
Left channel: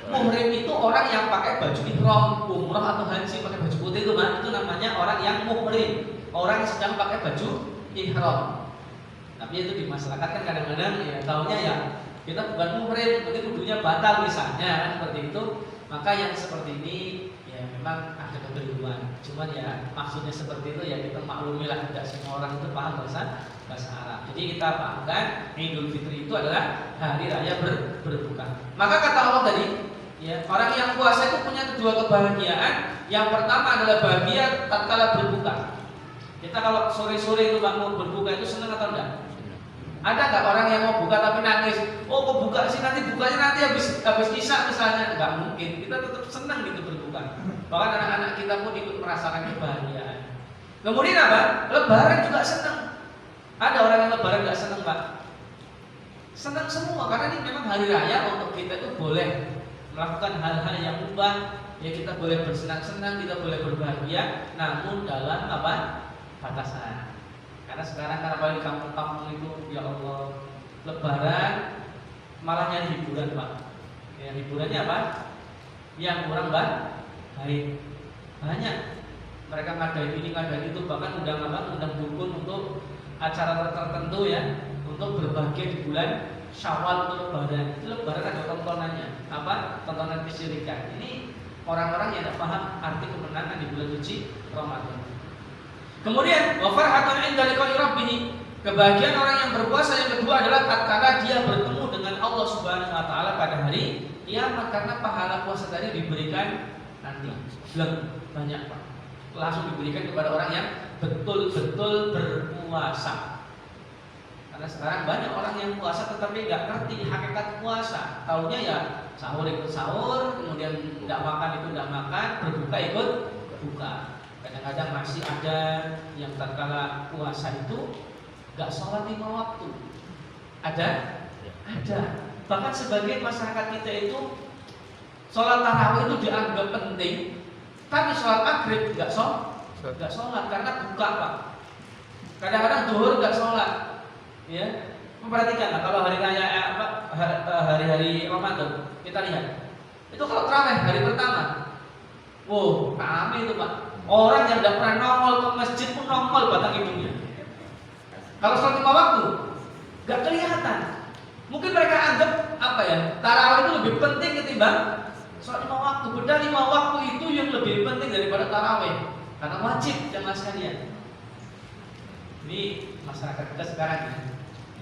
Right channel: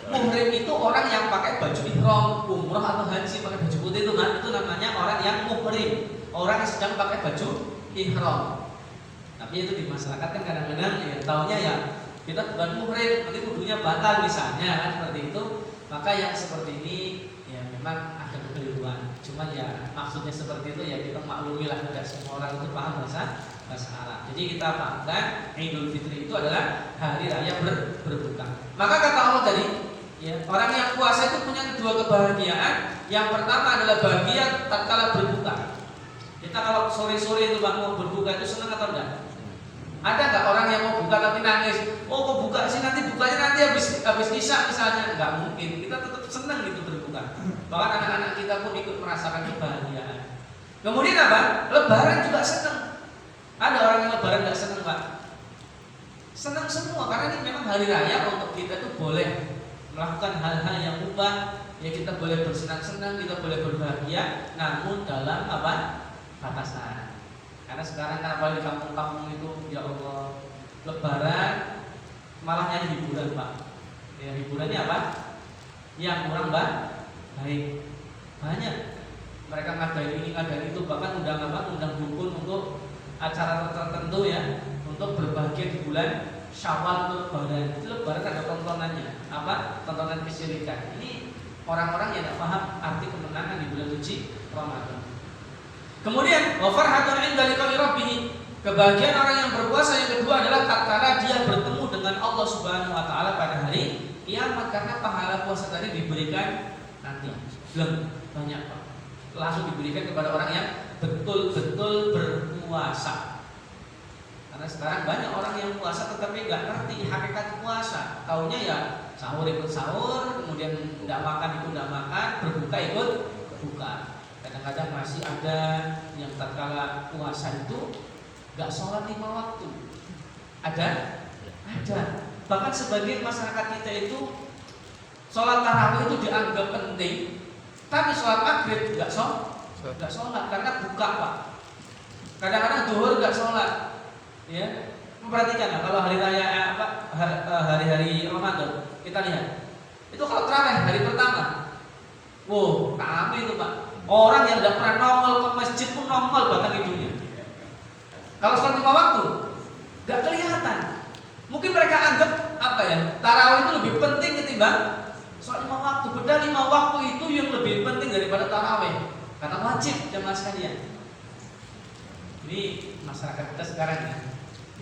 Muhrim itu orang yang pakai baju ihram, umrah atau haji pakai baju putih itu, Pak. Itu namanya orang yang muhrim, orang yang sedang pakai baju ihram. Tapi itu di masyarakat kan kadang-kadang ya taunya ya kita bukan muhrim, berarti kudunya batal misalnya kan seperti itu. Maka yang seperti ini ya memang ada kekeliruan. Cuman ya maksudnya seperti itu ya kita maklumilah, tidak semua orang itu paham bahasa Arab. Jadi kita pahamkan Idul Fitri itu adalah hari raya berbuka. Maka kata Allah tadi, ya, orang yang puasa itu punya dua kebahagiaan. Yang pertama adalah bahagia tatkala berbuka. Kita kalau sore-sore itu Bang mau berbuka itu senang atau enggak? Ada nggak orang yang mau buka tapi nangis? Oh, kok buka sih, nanti bukanya nanti habis isya misalnya? Nggak mungkin. Kita tetap senang gitu berbuka. Bahkan anak-anak kita pun ikut merasakan kebahagiaan. Kemudian apa? Lebaran juga senang. Ada orang yang lebaran nggak senang, Pak? Senang semua karena ini memang hari raya untuk kita itu boleh melakukan hal-hal yang mubah. Ya kita boleh bersenang-senang, kita boleh berbahagia, namun dalam apa? Batasan. Karena sekarang kalau di kampung-kampung itu ya Allah, lebaran malah nyanyi hiburan, Pak. Ya hiburannya apa? Yang kurang baik. Banyak. tertentu ya untuk berbahagia di bulan Syawal untuk Lebaran. Itu Lebaran ada tontonannya, apa? Tontonan kesyirikan. Ini orang-orang yang tidak paham arti kemenangan di bulan suci Ramadan. Kemudian wa farhatun 'inda liqa'i rabbih. Kebahagiaan orang yang berpuasa yang kedua adalah tatkala dia bertemu dengan Allah Subhanahu wa taala pada hari kiamat, karena pahala puasa tadi diberikan nanti. Belum banyak Pak. Langsung diberikan kepada orang yang betul-betul berpuasa. Karena sekarang banyak orang yang puasa tetapi nggak ngerti hakikat puasa. Taunya ya sahur ikut sahur, kemudian tidak makan ikut tidak makan, berbuka ikut buka. Kadang-kadang masih ada yang tatkala puasa itu nggak sholat 5 waktu. Ada? Ada. Bahkan sebagian masyarakat kita itu sholat tarawih itu dianggap penting, tapi sholat maghrib nggak sholat karena buka Pak. Kadang-kadang zuhur nggak sholat. Ya, memperhatikan kalau hari raya hari-hari Ramadan kita lihat. Itu kalau tarawih hari pertama, wow, kami itu Pak. Orang yang tidak pernah nongol ke masjid pun nongol batang hidungnya. Kalau sholat 5 waktu, nggak kelihatan. Mungkin mereka anggap apa ya? Tarawih itu lebih penting ketimbang sholat 5 waktu. Padahal 5 waktu itu yang lebih penting daripada tarawih, karena wajib jamaah sekalian. Ini masyarakat kita sekarang ya,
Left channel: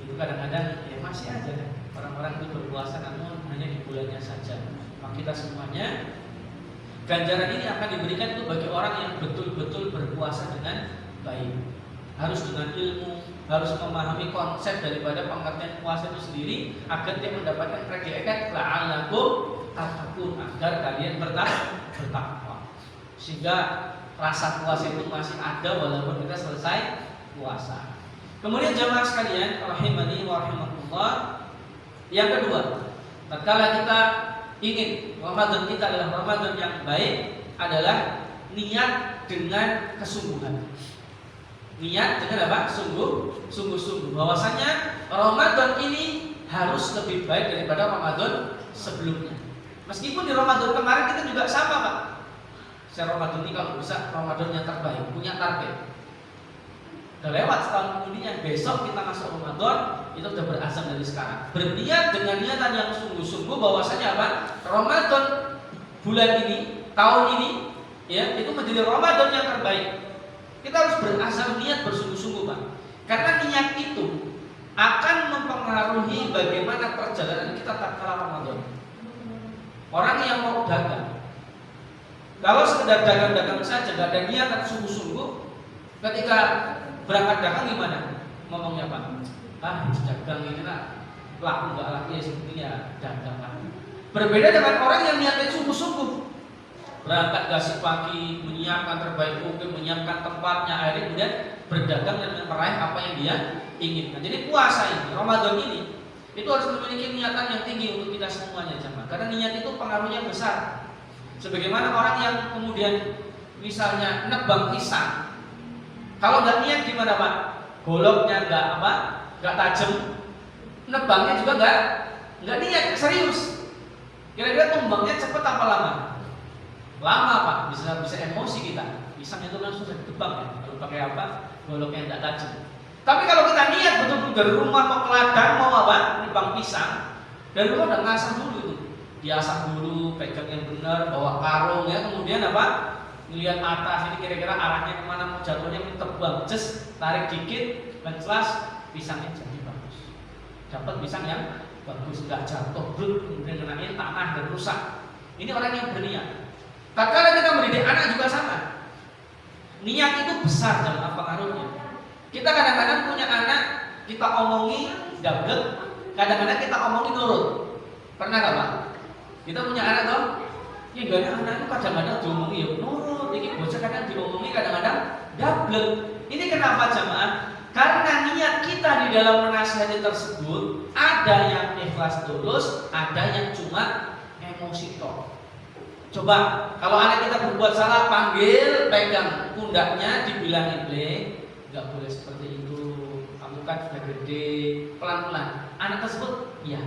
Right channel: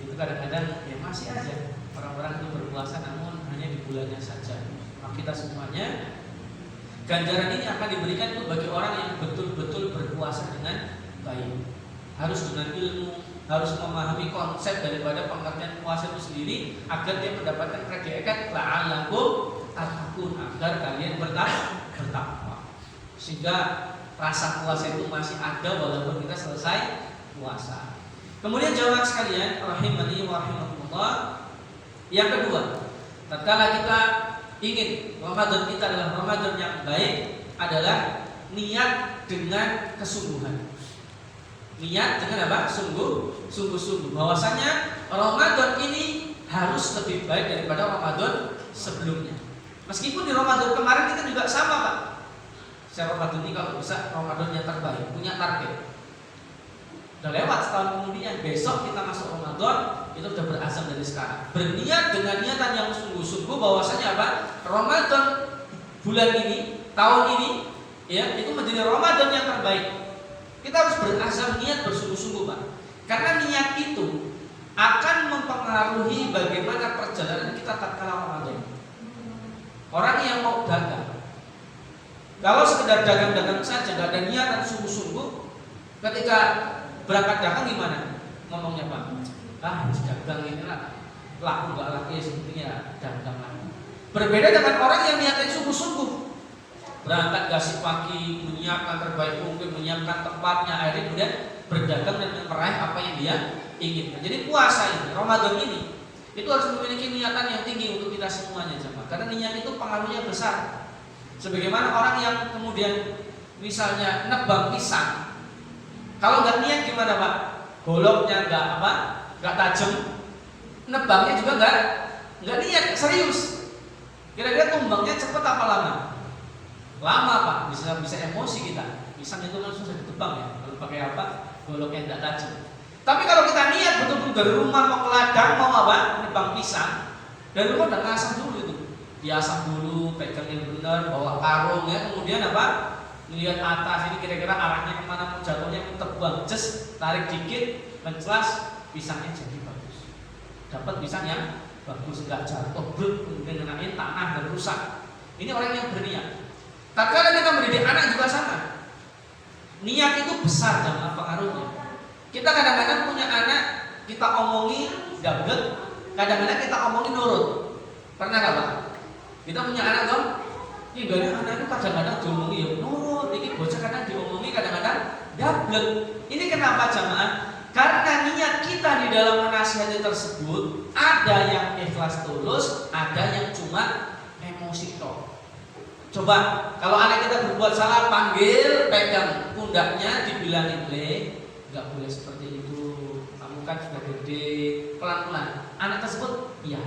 itu kadang-kadang ya masih aja orang-orang itu berpuasa namun hanya di bulannya saja. Maka kita semuanya ganjaran ini akan diberikan itu bagi orang yang betul-betul berpuasa dengan baik. Harus dengan ilmu, harus memahami konsep daripada pengertian puasa itu sendiri agar dia mendapatkan predikat la'allakum tattaqun, agar kalian bertakwa. Sehingga rasa puasa itu masih ada walaupun kita selesai puasa. Kemudian jamaah sekalian rahimani wa rahimakumullah, yang kedua, tatkala kita ingin Ramadan kita adalah Ramadan yang baik, adalah niat dengan kesungguhan. Niat dengan apa? Sungguh-sungguh bahwasanya Ramadan ini harus lebih baik daripada Ramadan sebelumnya. Meskipun di Ramadan kemarin kita juga sama Pak. Saya Ramadan ini kalau bisa Ramadan yang terbaik, punya target. Udah lewat setahun kemudian, besok kita masuk Ramadan, itu sudah berazam dari sekarang. Berniat dengan niatan yang sungguh-sungguh bahwasanya apa? Ramadan bulan ini, tahun ini, ya itu menjadi Ramadan yang terbaik. Kita harus berazam niat bersungguh-sungguh Pak. Karena niat itu akan mempengaruhi bagaimana perjalanan kita tatkala Ramadan. Orang yang mau dagang, kalau sekedar dagang-dagang saja, gak ada niatan sungguh-sungguh, ketika berangkat dagang gimana? Ngomongnya Pak, dagang ini lah, laku nggak laku ya sebetulnya dagang lah. Berbeda dengan orang yang niatnya sungguh-sungguh, berangkat gasih pagi, menyiapkan terbaik mungkin, menyiapkan tempatnya, akhirnya kemudian berdagang dan meraih apa yang dia inginkan. Jadi puasa ini, Ramadan ini, itu harus memiliki niatan yang tinggi untuk kita semuanya jemaah. Karena niat itu pengaruhnya besar. Sebagaimana orang yang kemudian misalnya nebang pisang, kalau nggak niat gimana Pak? Goloknya nggak tajam, nebangnya juga nggak niat, serius. Kira-kira tumbangnya cepet apa lama? Lama Pak, bisa emosi kita. Pisang itu kan susah ditebang ya, kalau pakai apa? Goloknya nggak tajam. Tapi kalau kita niat betul-betul dari rumah mau ke ladang mau apa? Nebang pisang, dari rumah udah ngasah dulu itu, diasah dulu, pegang yang benar, bawa karung ya, kemudian apa? Lihat atas ini kira-kira arahnya kemana, mau jatuhnya tebang, just tarik dikit, menclas, pisangnya jadi bagus. Dapat pisang yang bagus, nggak jatuh, brut, kemudian kenain tanah dan rusak. Ini orang yang berniat. Tatkala kita mendidik anak juga sama. Niat itu besar dan apa pengaruhnya. Kita kadang-kadang punya anak, kita omongi gablek, kadang-kadang kita omongi nurut. Pernah nggak Pak? Kita punya anak dong, ya enggaknya anak itu kadang-kadang diomongi ya nurut, ini bocah kadang diomongi kadang-kadang gablek. Ini kenapa jamaah? Karena niat kita di dalam menasihati tersebut ada yang ikhlas tulus, ada yang cuma emosi toh. Coba kalau anak kita berbuat salah, panggil, pegang pundaknya, dibilangin nggak boleh seperti itu, kamu kan sudah gede, pelan-pelan. Anak tersebut iya.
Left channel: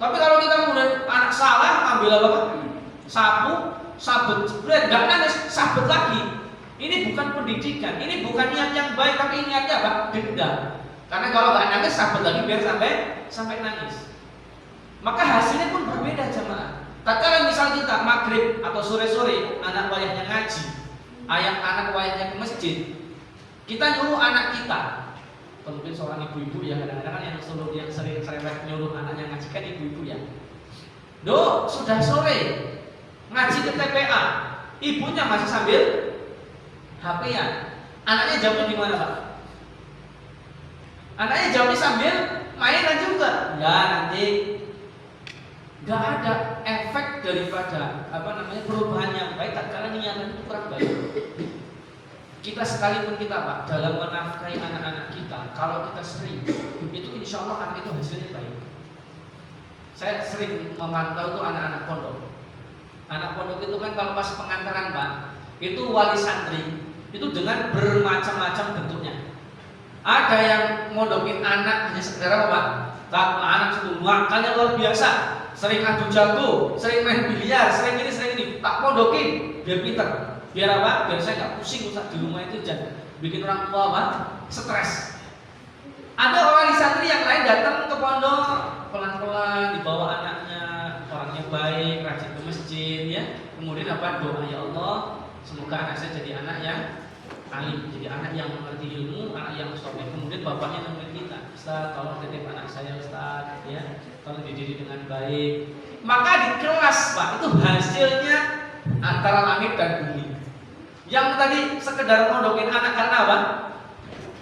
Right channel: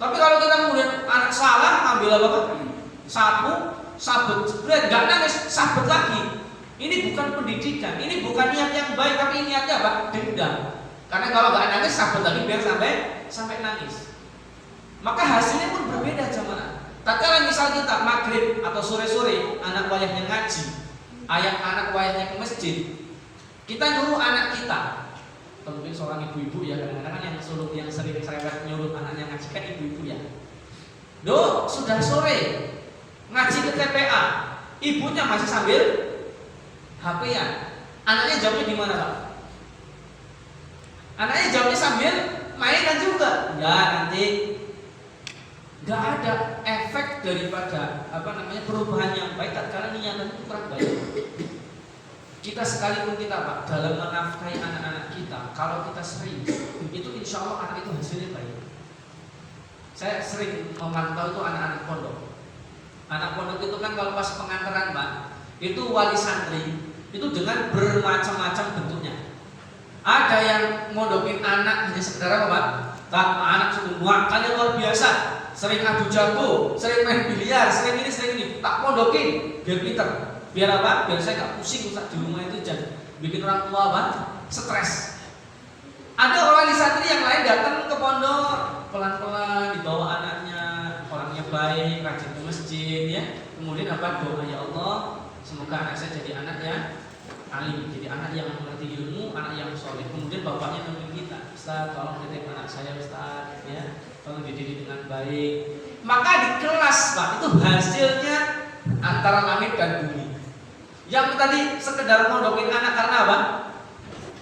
Tapi kalau kita kemudian anak salah, ngambil apa? Sapu, sabet, nggak nangis, sabet lagi. Ini bukan pendidikan, ini bukan niat yang baik, tapi niatnya apa? Dendam. Karena kalau nggak nangis sabut lagi biar sampai nangis. Maka hasilnya pun berbeda jemaah. Tatkala misal kita maghrib atau sore-sore anak wayahnya ngaji, anak wayahnya ke masjid, kita nyuruh anak kita, atau mungkin seorang ibu-ibu ya, kadang-kadang kan yang sering cerewet nyuruh anaknya ngaji kan ibu-ibu ya. Do, sudah sore, ngaji ke TPA, ibunya masih sambil HP-an. Anaknya jawabnya di mana, Pak? Anaknya jawabnya sambil mainan juga. Ya, nanti nggak ada efek daripada perubahan yang baik tatkala niatan itu kurang baik. Kita sekalipun kita Pak dalam menafkahi anak-anak kita, kalau kita sering itu insya Allah anak itu hasilnya baik. Saya sering memantau itu anak-anak pondok. Anak pondok itu kan kalau pas pengantaran Pak, itu wali santri itu dengan bermacam-macam bentuknya. Ada yang mondokin anak hanya sekedar apa Pak? Anak sudah makannya luar biasa, sering adu jago, sering main biliar, sering ini, tak mondokin biar pinter. Biar apa? Biar saya gak pusing Ustaz di rumah itu jangan bikin orang tua apa? Stres. Ada orang di santri yang lain datang ke pondok pelan-pelan dibawa anaknya, orangnya baik, rajin ke masjid ya. Kemudian apa? Doa ya Allah, semoga anak saya jadi anak yang alim, jadi anak yang mengerti ilmu, anak yang soleh. Kemudian bapaknya nemuin kita, Ustaz tolong titip anak saya Ustaz ya, tolong dididik dengan baik. Maka di kelas Pak itu hasilnya antara langit dan bumi. Yang tadi sekedar mondokin anak karena apa?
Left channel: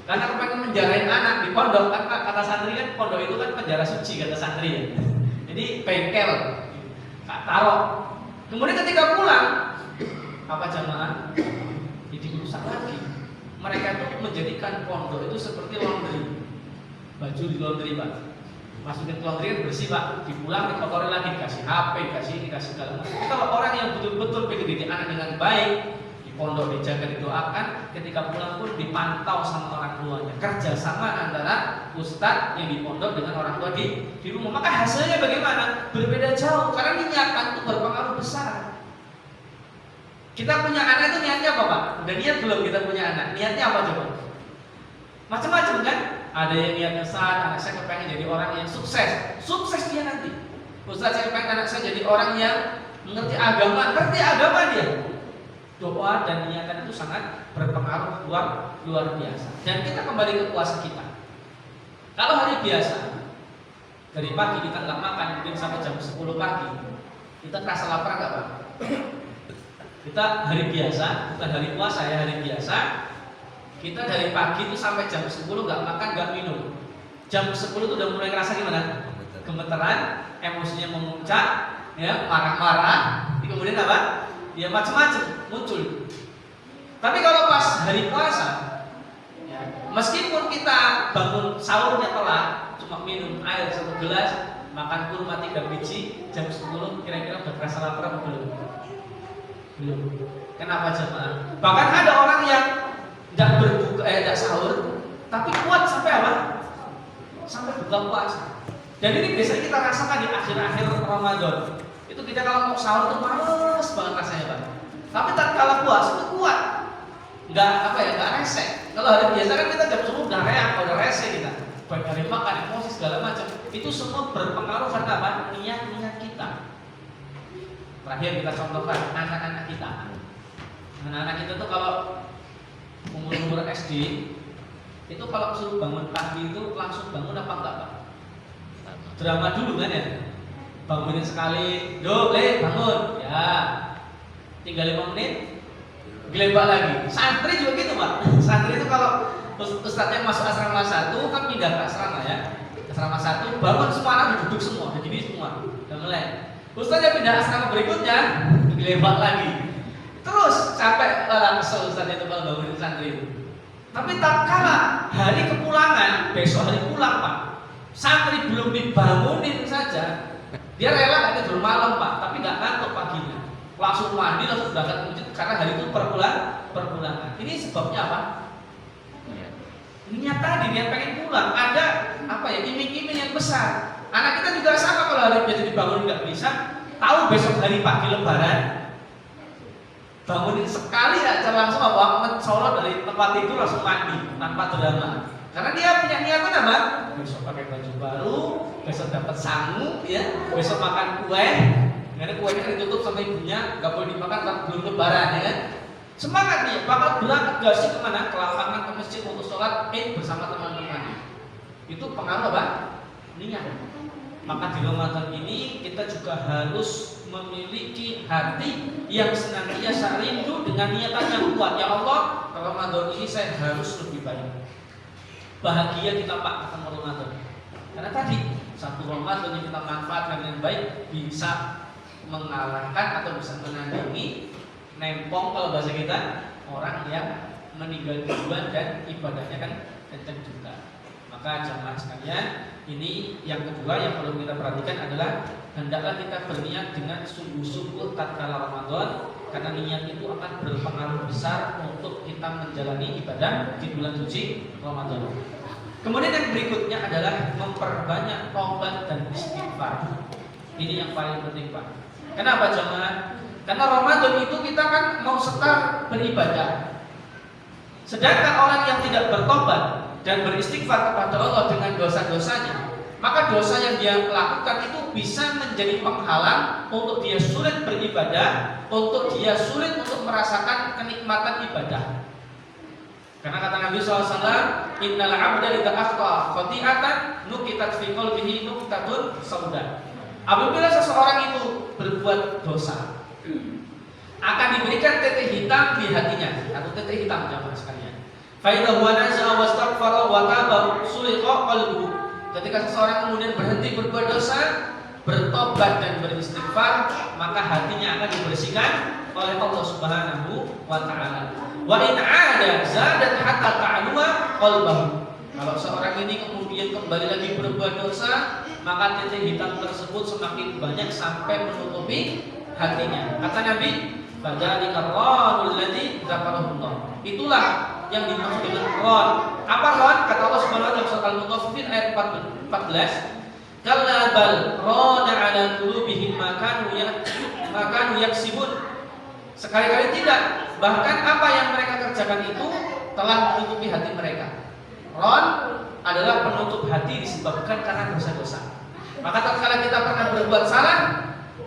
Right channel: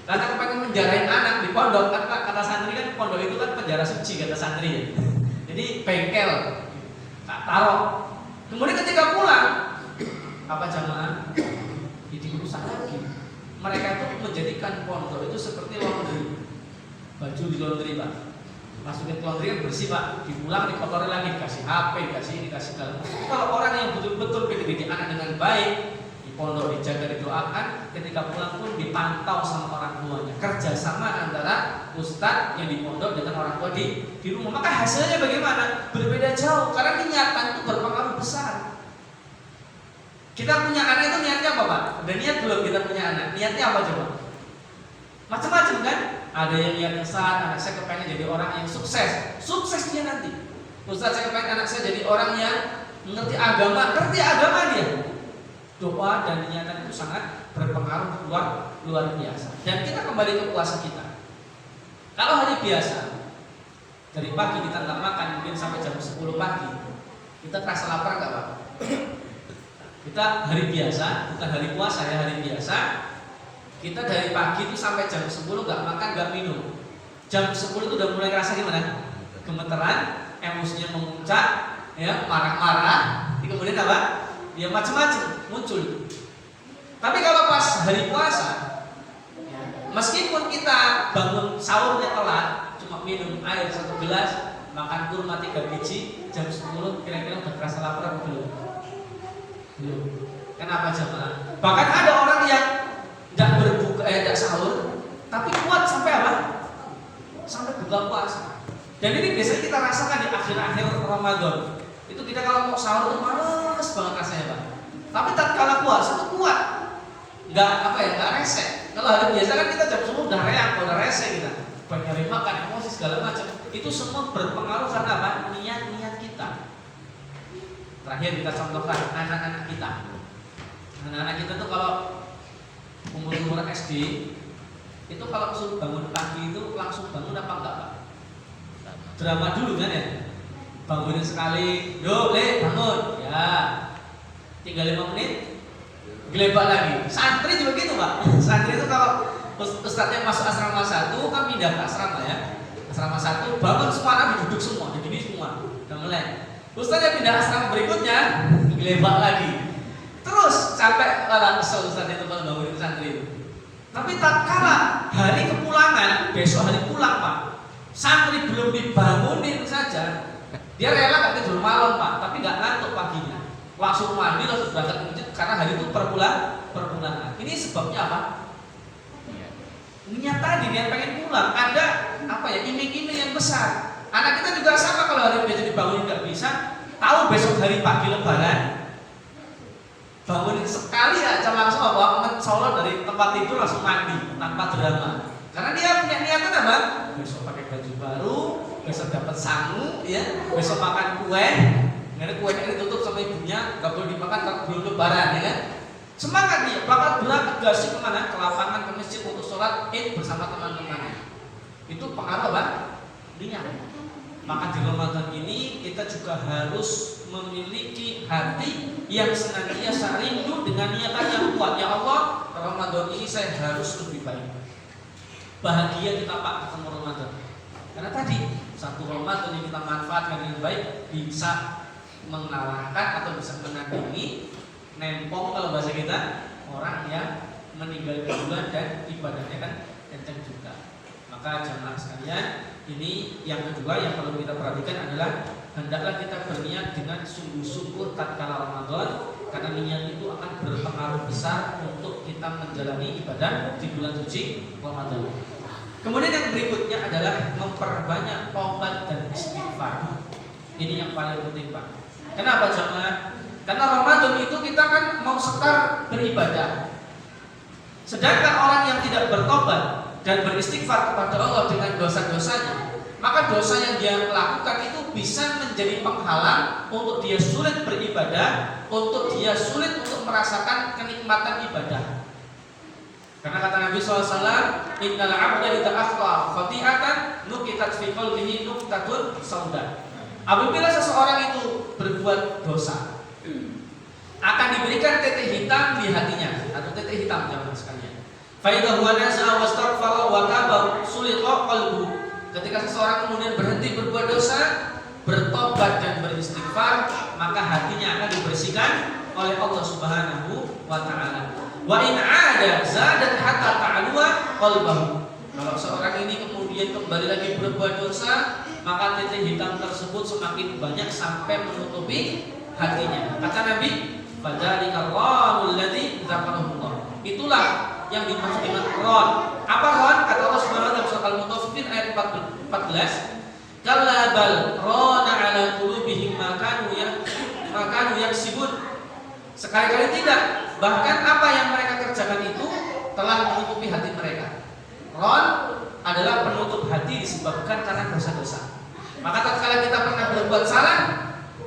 Karena kepengen menjarain anak di pondok kan kata santri kan pondok itu kan penjara suci kata santri ya. Jadi bengkel, taruh. Kemudian ketika pulang apa jamaah? Jadi rusak lagi. Mereka itu menjadikan pondok itu seperti laundry. Baju di laundry Pak. Masukin ke laundry kan bersih Pak. Dipulang dikotori lagi, dikasih HP, dikasih segala macam. Kalau orang yang betul-betul pengen didik anak dengan baik, pondok dijaga, didoakan, ketika pulang pun dipantau sama orang tuanya. Kerjasama antara ustadz yang di pondok dengan orang tua di rumah. Maka hasilnya bagaimana? Berbeda jauh. Karena niatan itu berpengaruh besar. Kita punya anak itu niatnya apa Pak? Udah niat belum kita punya anak? Niatnya apa coba? Macam-macam kan? Ada yang niatnya saat anak saya kepengen jadi orang yang sukses. Sukses dia nanti. Ustadz saya kepengen anak saya jadi orang yang mengerti agama. Ngerti agama dia. Doa dan niatan itu sangat berpengaruh luar biasa. Dan kita kembali ke puasa kita. Kalau hari biasa, dari pagi kita nggak makan mungkin sampai jam 10 pagi, kita terasa lapar nggak Pak? Kita hari biasa, bukan hari puasa ya, hari biasa. Kita dari pagi itu sampai jam 10 nggak makan nggak minum. Jam 10 itu udah mulai ngerasa gimana? Gemeteran, emosinya memuncak, ya marah-marah. Kemudian apa? Ya macam-macam muncul. Tapi kalau pas hari puasa, ya, meskipun kita bangun sahurnya telat, cuma minum air 1 gelas, makan kurma 3 biji, jam 10 kira-kira udah terasa lapar atau belum? Belum. Kenapa jemaah? Bahkan ada orang yang tidak sahur, tapi kuat sampai apa? Sampai buka puasa. Dan ini biasanya kita rasakan di akhir-akhir Ramadan. Itu kita kalau mau sahur itu males banget rasanya Pak. Tapi tatkala puasa itu kuat, nggak rese. Kalau hari biasa kan kita jam 10 udah reak, udah rese kita. Baik hari makan, emosi segala macam. Itu semua berpengaruh karena apa? Niat kita. Terakhir kita contohkan anak-anak kita. Anak-anak kita tuh kalau umur SD, itu kalau suruh bangun pagi itu langsung bangun apa enggak Pak? Drama dulu kan ya? Bangunin sekali, yo le bangun, ya tinggal 5 menit, gelebak lagi. Santri juga gitu Pak. Santri itu kalau ustadznya masuk asrama 1 kan pindah ke asrama ya, asrama 1 bangun semua anak duduk semua, begini semua, udah mulai. Ustadznya pindah asrama berikutnya, gelebak lagi. Terus sampai kesel ustadznya itu kalau bangunin santri. Tapi tak kalah hari kepulangan, besok hari pulang Pak, santri belum dibangunin saja. Dia rela nggak tidur malam Pak, tapi nggak ngantuk paginya. Langsung mandi, langsung berangkat ke masjid karena hari itu perpulangan. Ini sebabnya apa? Niat tadi dia pengen pulang. Ada apa ya? Iming-iming yang besar. Anak kita juga sama kalau hari biasa dibangunin nggak bisa. Tahu besok hari pagi Lebaran, bangunin sekali aja langsung apa? Mencolot dari tempat tidur langsung mandi tanpa drama. Karena dia punya niatan apa? Besok pakai baju baru, besok dapat sangu, ya, besok makan kue. Karena kuenya kan ditutup sama ibunya, nggak boleh dimakan kalau belum lebaran, ya kan? Semangat dia, bakal berangkat gasik kemana? Ke lapangan, ke masjid untuk sholat Id bersama teman-temannya. Itu pengaruh apa? Niat. Maka di Ramadan ini kita juga harus memiliki hati yang senantiasa rindu dengan niatan yang kuat. Ya Allah, Ramadan ini saya harus lebih baik. Bahagia kita Pak ketemu Ramadan. Karena tadi satu Ramadan yang kita manfaatkan dengan baik bisa mengalahkan atau bisa menandingi nempong kalau bahasa kita orang yang meninggal duluan dan ibadahnya kan kencang juga. Maka jamaah sekalian, ini yang kedua yang perlu kita perhatikan adalah hendaklah kita berniat dengan sungguh-sungguh tatkala Ramadan, karena niat itu akan berpengaruh besar untuk kita menjalani ibadah di bulan suci Ramadan. Kemudian yang berikutnya adalah memperbanyak taubat dan istighfar. Ini yang paling penting Pak. Kenapa jamaah? Karena Ramadan itu kita kan mau setar beribadah. Sedangkan orang yang tidak bertobat dan beristighfar kepada Allah dengan dosa-dosanya, maka dosa yang dia lakukan itu bisa menjadi penghalang untuk dia sulit beribadah, untuk dia sulit untuk merasakan kenikmatan ibadah. Karena kata Nabi SAW, innal abda idza akhta khati'atan nukitat fi qalbihi nuktatun sauda. Apabila seseorang itu berbuat dosa, akan diberikan titik hitam di hatinya, atau titik hitam jamaah sekalian. Fa idza huwa naza'a wastaghfara wa taba sulqa qalbuhu. Ketika seseorang kemudian berhenti berbuat dosa, bertobat dan beristighfar, maka hatinya akan dibersihkan oleh Allah Subhanahu wa taala. Wa in 'ada zadat hatta ta'luwa qalbuhu. Kalau seorang ini kemudian kembali lagi berbuat dosa, maka titik hitam tersebut semakin banyak sampai menutupi hatinya. Kata Nabi, fadzalika ranul ladzi dzakarahullah. Itulah yang dimaksud dengan ron. Apa ron? Kata Allah Subhanahu wa taala dalam surat Al-Mutaffifin ayat 14, kalla bal rana ala qulubihim ma kanu yaksibun. Sekali-kali tidak, bahkan apa yang mereka kerjakan itu telah menutupi hati mereka. Ron adalah penutup hati disebabkan karena dosa-dosa. Maka tatkala kita pernah berbuat salah,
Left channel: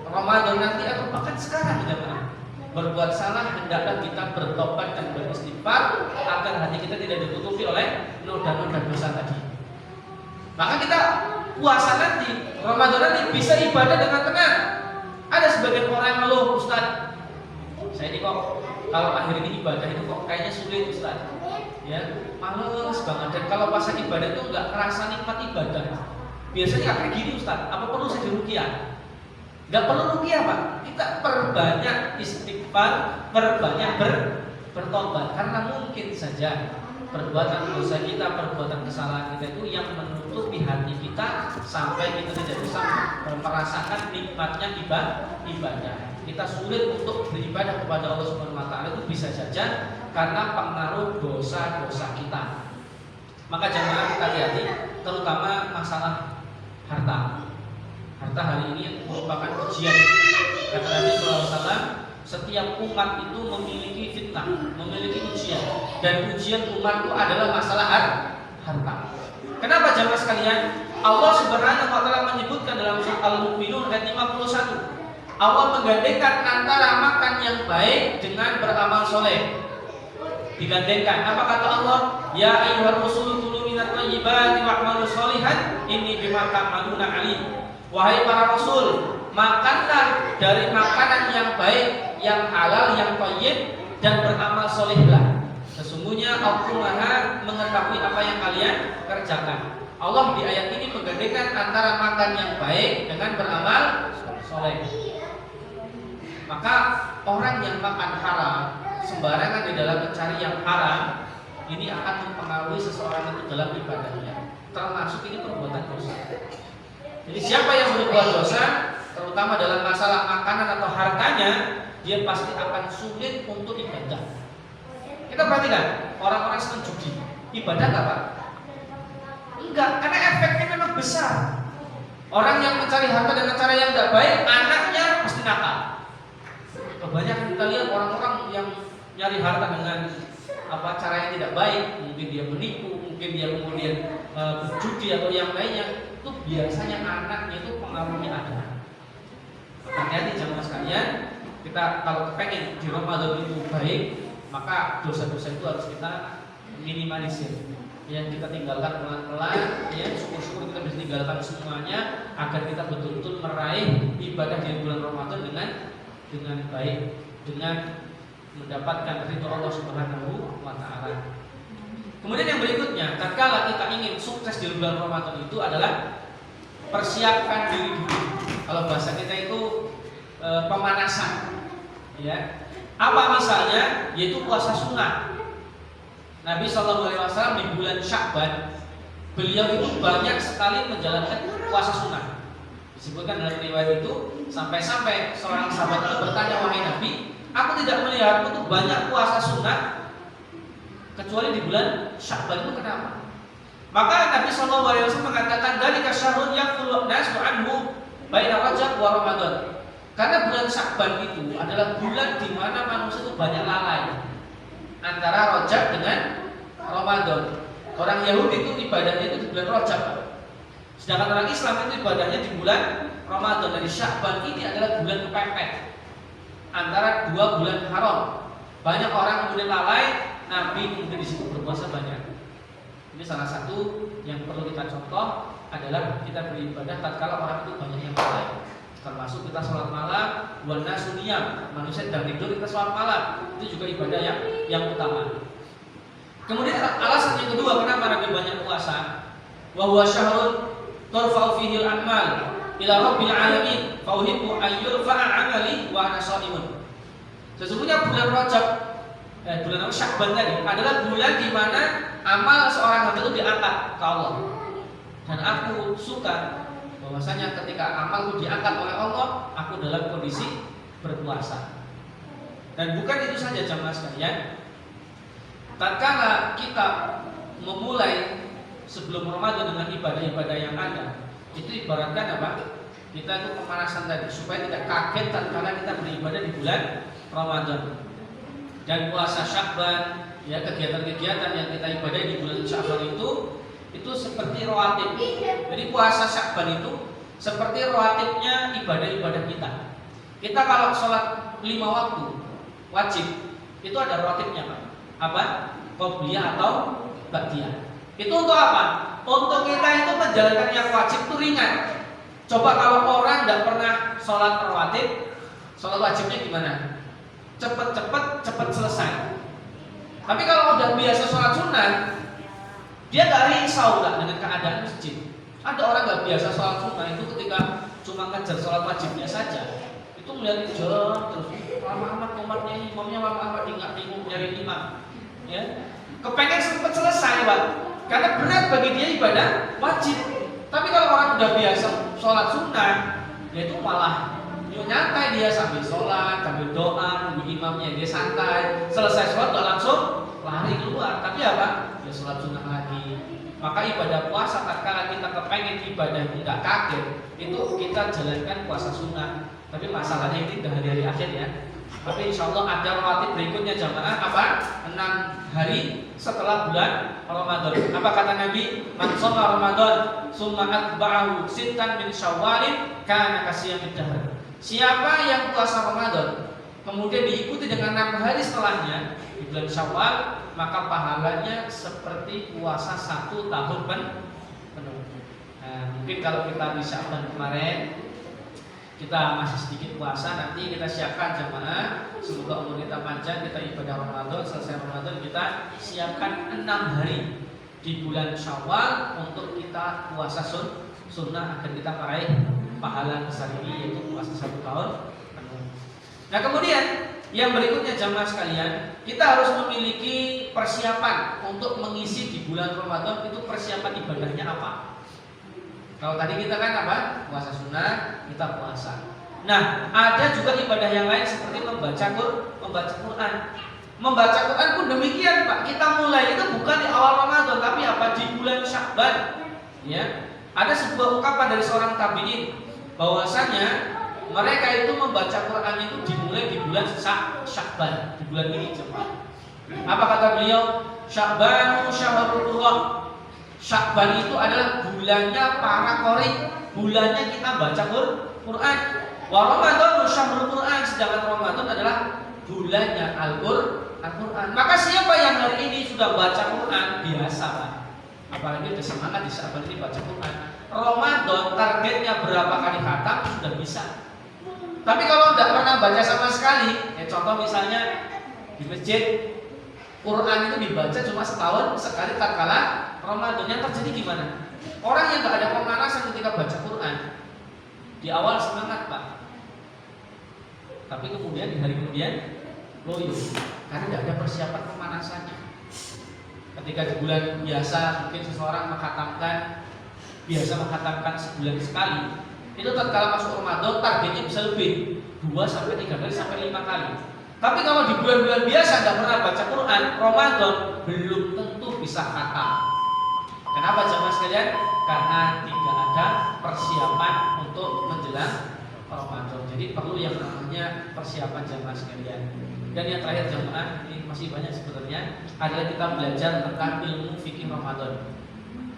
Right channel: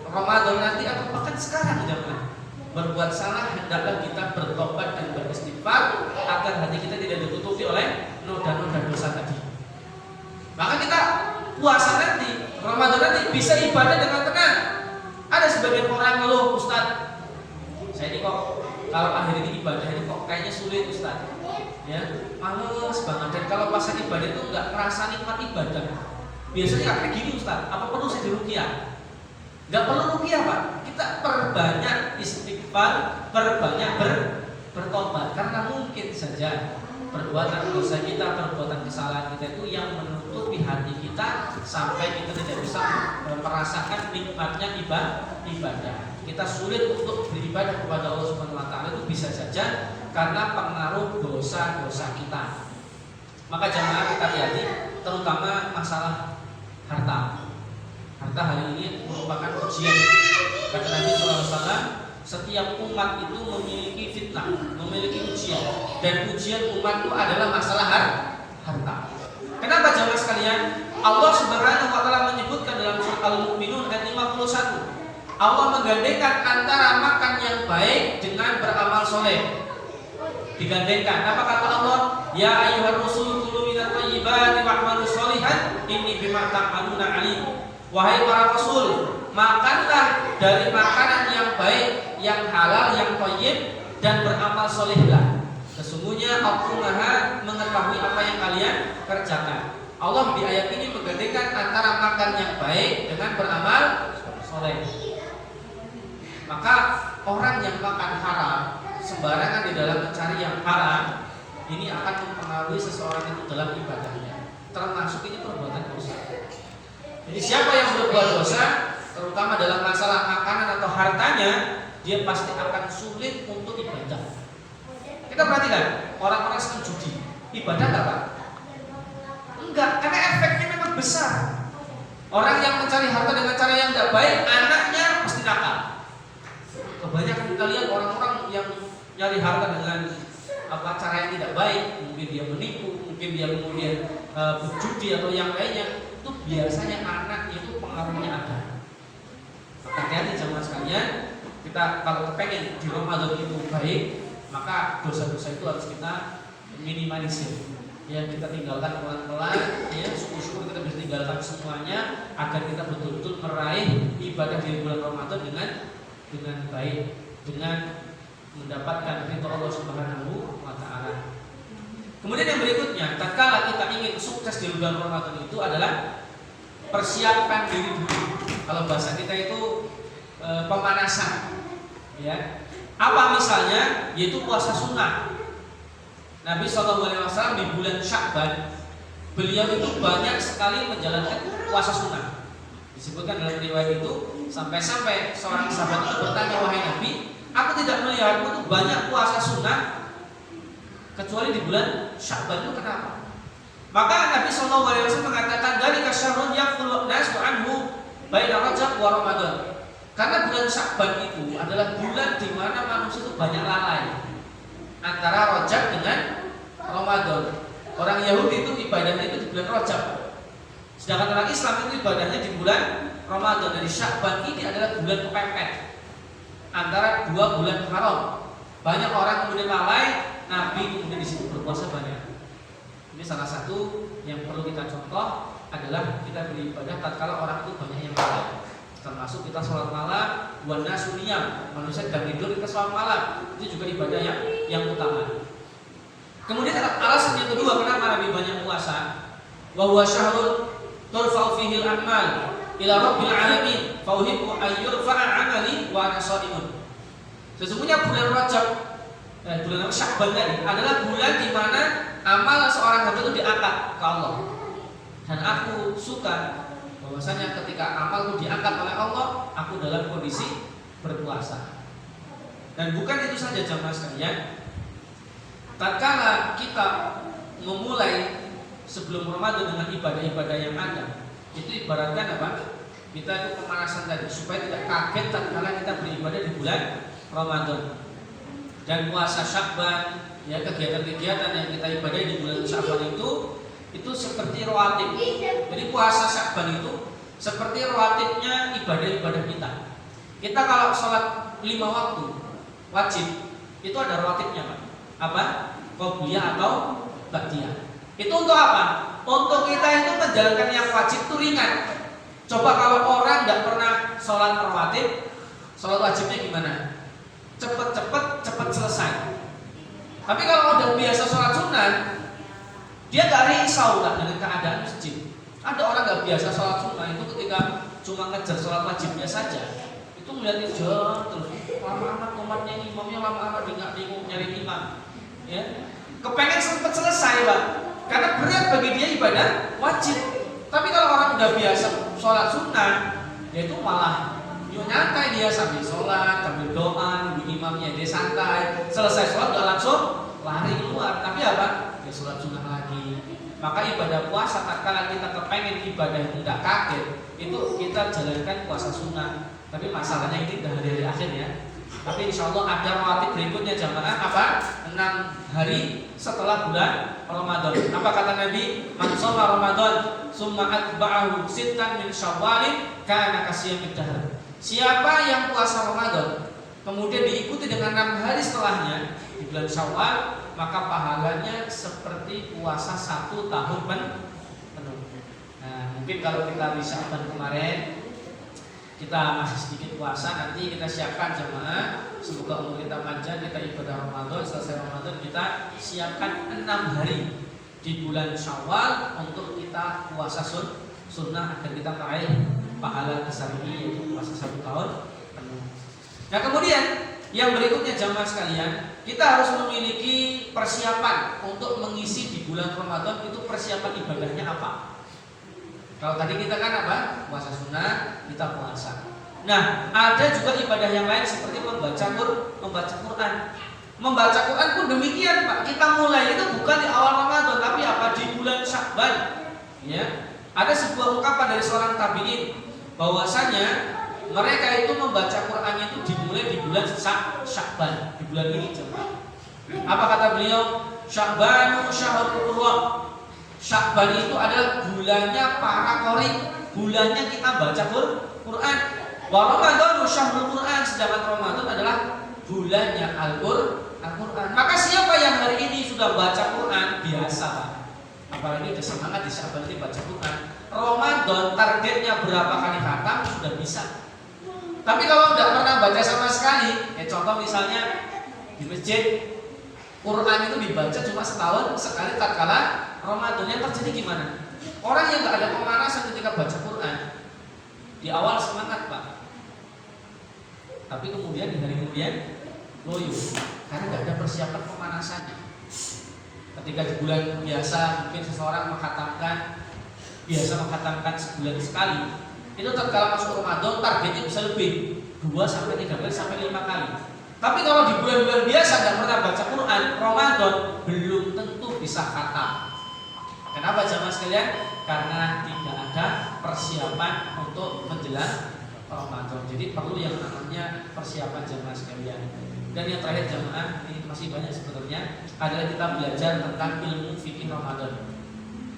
Ramadan nanti atau bahkan sekarang jemaah, berbuat salah hendaklah kita bertobat dan beristighfar agar hati kita tidak ditutupi oleh noda-noda dosa tadi. Maka kita puasa nanti, Ramadan nanti bisa ibadah dengan tenang. Ada sebagian orang ngeluh, Ustaz, saya ini kok kalau akhir ini ibadah ini kok kayaknya sulit Ustaz. Ya, males banget. Dan kalau pas ibadah itu nggak ngerasa nikmat ibadah. Biasanya nggak kayak gini Ustaz. Apa perlu saya ruqyah? Nggak perlu ruqyah Pak. Kita perbanyak istighfar, perbanyak bertobat. Karena mungkin saja perbuatan dosa kita, perbuatan kesalahan kita itu yang menutupi hati kita sampai kita tidak bisa merasakan nikmatnya ibadah. Kita sulit untuk beribadah kepada Allah Subhanahu wa taala itu bisa saja karena pengaruh dosa-dosa kita. Maka jangan kita hati-hati, terutama masalah harta. Harta hari ini merupakan ujian. Kata Nabi SAW, setiap umat itu memiliki fitnah, memiliki ujian, dan ujian umat itu adalah masalah harta. Kenapa jamaah sekalian? Allah Subhanahu wa taala menyebutkan dalam surat Al-Mu'minun ayat 51. Allah menggandengkan antara makan yang baik dengan beramal soleh. Digandengkan. Apa kata Allah? Ya ayyuhar rasul kulu minat thayyibati wa'malu sholihan inni bima ta'maluna alim. Wahai para rasul, makanlah dari makanan yang baik, yang halal, yang thayyib, dan beramal solehlah. Sesungguhnya aku Maha mengetahui apa yang kalian kerjakan. Allah di ayat ini menggandengkan antara makan yang baik dengan beramal soleh. Maka orang yang makan haram sembarangan di dalam mencari yang haram, ini akan mempengaruhi seseorang itu dalam ibadahnya. Termasuk ini perbuatan dosa. Jadi siapa yang berbuat dosa, terutama dalam masalah makanan atau hartanya, dia pasti akan sulit untuk ibadah. Kita perhatikan orang-orang senang judi, ibadah nggak Pak? Enggak, karena efeknya memang besar. Orang yang mencari harta dengan cara yang tidak baik, anaknya pasti nakal. Kebanyakan kita lihat orang-orang yang nyari harta dengan cara yang tidak baik, mungkin dia menipu, mungkin dia kemudian judi atau yang lainnya, itu biasanya anaknya itu pengaruhnya ada. Hati-hati jemaah sekalian, kita kalau pengen di Ramadan itu baik, maka dosa-dosa itu harus kita minimalisir. Ya, kita tinggalkan pelan-pelan, ya, syukur-syukur kita bisa tinggalkan semuanya agar kita betul-betul meraih ibadah di bulan Ramadan dengan baik, dengan mendapatkan ridho Allah Subhanahu wa taala. Kemudian yang berikutnya, tatkala kita ingin sukses di bulan Ramadan itu adalah persiapkan diri dulu. Kalau bahasa kita itu pemanasan. Ya. Apa misalnya? Yaitu puasa sunnah. Nabi SAW di bulan Sya'ban, beliau itu banyak sekali menjalankan puasa sunnah. Disebutkan dalam riwayat itu sampai-sampai seorang sahabat itu bertanya, wahai Nabi, aku tidak melihatmu itu banyak puasa sunnah kecuali di bulan Sya'ban, itu kenapa? Maka Nabi SAW mengatakan, dari kasyahrun yaqulu nasu anhu baina Rajab wa Ramadan. Karena bulan Sya'ban itu adalah bulan di mana manusia itu banyak lalai antara Rajab dengan Ramadan. Orang Yahudi itu ibadahnya itu di bulan Rajab, sedangkan orang Islam itu ibadahnya di bulan Ramadan. Jadi Sya'ban ini adalah bulan kepepet antara dua bulan haram. Banyak orang kemudian lalai, Nabi kemudian di situ berpuasa banyak. Ini salah satu yang perlu kita contoh adalah kita beribadah tatkala orang itu banyak yang lalai. Termasuk kita sholat malam, wana suniyam, manusia sedang tidur kita sholat malam, itu juga ibadah yang utama. Kemudian alasan yang kedua kenapa Nabi banyak puasa, wa huwa syahrun turfa'u fihi al-a'mal ila rabbil alamin fa uhibbu an yurfa'a 'amali wa ana shaimun. Sesungguhnya bulan Rajab, bulan Sya'ban tadi adalah bulan di mana amal seorang hamba itu diangkat ke Allah. Dan aku suka bahwasanya ketika amalku diangkat oleh Allah, aku dalam kondisi berpuasa. Dan bukan itu saja jamaah sekalian, tatkala kita memulai sebelum Ramadan dengan ibadah-ibadah yang ada, itu ibaratkan apa? Kita itu pemanasan tadi supaya tidak kaget tatkala kita beribadah di bulan Ramadan. Dan puasa Sya'ban, ya, kegiatan-kegiatan yang kita ibadahi di bulan Sya'ban itu seperti rawatib. Jadi puasa Sya'ban itu seperti rawatibnya ibadah-ibadah kita. Kita kalau sholat 5 waktu wajib, itu ada rawatibnya, Pak. Apa? Qobliyah atau ba'diyah. Itu untuk apa? Untuk kita itu menjalankan yang wajib itu ringan. Coba kalau orang tidak pernah sholat rawatib, sholat wajibnya gimana? Cepet selesai. Tapi kalau udah biasa sholat sunnah, dia gak risau lah dengan keadaan masjid. Ada orang gak biasa sholat sunnah itu ketika cuma ngejar sholat wajibnya saja, itu melihat jauh terus, lama amat umatnya, imamnya lama amat, dia gak bingung nyari imam. Ya, kepengen cepet selesai, Pak, karena berat bagi dia ibadah wajib. Tapi kalau orang udah biasa sholat sunnah, dia itu malah nyantai, dia sambil sholat, sambil doa, nunggu imamnya, dia santai. Selesai sholat gak langsung lari keluar, tapi apa? Dia sholat sunnah lagi. Maka ibadah puasa tatkala kita kepengen ibadah yang tidak kaget, itu kita jalankan puasa sunnah. Tapi masalahnya ini tidak hari-hari akhir ya. Tapi insya Allah ada rawatib berikutnya jamaah apa? 6 hari setelah bulan Ramadan. Apa kata Nabi? Man shoma Ramadan summa atba'ahu sittan min Syawalin kana kasiyamid dahr. Siapa yang puasa Ramadan kemudian diikuti dengan 6 hari setelahnya di bulan Syawal, maka pahalanya seperti puasa 1 tahun penuh. Nah, mungkin kalau kita di Sya'ban kemarin kita masih sedikit puasa, nanti kita siapkan jemaah, semoga umur kita panjang, kita ibadah Ramadan, selesai Ramadan kita siapkan 6 hari di bulan Syawal untuk kita puasa sunnah agar kita meraih pahala besar ini, yaitu puasa 1 tahun penuh. Nah, kemudian yang berikutnya jamaah sekalian, kita harus memiliki persiapan untuk mengisi di bulan Ramadan. Itu persiapan ibadahnya apa? Kalau tadi kita kan apa? Puasa sunnah, kita puasa. Nah, ada juga ibadah yang lain seperti membaca Quran. Membaca Quran pun demikian, Pak. Kita mulai itu bukan di awal Ramadan, tapi apa? Di bulan Sya'ban. Ya. Ada sebuah ungkapan dari seorang tabi'in bahwasanya mereka itu membaca Quran itu dimulai di bulan Sya'ban, di bulan ini coba. Apa kata beliau? Sya'banu syahrul Qur'an. Sya'ban itu adalah bulannya para qori, bulannya kita baca Quran. Wa Ramadhanu syahrul Qur'an, sedangkan Ramadan adalah bulannya Al-Qur'an. Maka siapa yang hari ini sudah baca Quran biasa, Pak. Apalagi ada semangat di Sya'ban ini baca Quran. Ramadan targetnya berapa kali khatam sudah bisa. Tapi kalau tidak pernah baca sama sekali, contoh misalnya di masjid Quran itu dibaca cuma setahun sekali tatkala Ramadan, yang terjadi gimana? Orang yang nggak ada pemanasan ketika baca Quran, di awal semangat, Pak, tapi kemudian di hari kemudian loyo karena nggak ada persiapan pemanasannya. Ketika di bulan biasa mungkin seseorang biasa menghatamkan sebulan sekali, itu tatkala masuk Ramadan targetnya bisa lebih 2 sampai 3 kali sampai 5 kali. Tapi kalau di bulan-bulan biasa nggak pernah baca Quran, Ramadan belum tentu bisa khatam. Kenapa jemaah sekalian? Karena tidak ada persiapan untuk menjelang Ramadan. Jadi perlu yang namanya persiapan jemaah sekalian. Dan yang terakhir jemaah, ini masih banyak sebenarnya, adalah kita belajar tentang ilmu fikih Ramadan.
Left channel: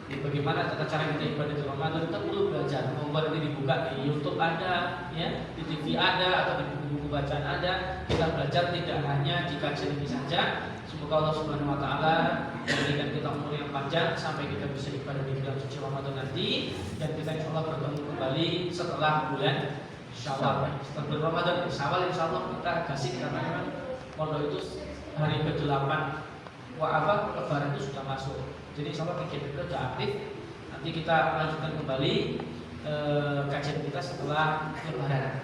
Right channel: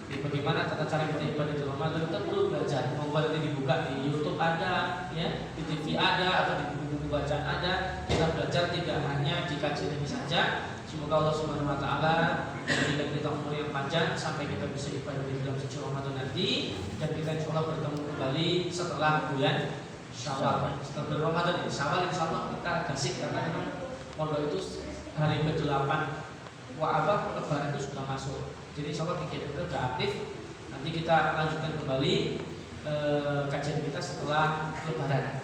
Jadi bagaimana tata cara kita ibadah di Ramadan, kita perlu belajar. Membuat nanti dibuka di YouTube ada, ya, di TV ada, atau di buku-buku bacaan ada. Kita belajar tidak hanya di kajian ini saja. Semoga Allah Subhanahu Wa Taala memberikan kita umur yang panjang sampai kita bisa ibadah di bulan suci Ramadan nanti, dan kita insya Allah bertemu kembali setelah bulan Syawal. Setelah bulan Ramadan, Syawal insya Allah kita kasih katakan kalau itu hari ke-8 Lebaran itu sudah masuk. Jadi insya Allah kegiatan kita sudah aktif. Nanti kita lanjutkan kembali kajian kita setelah Lebaran.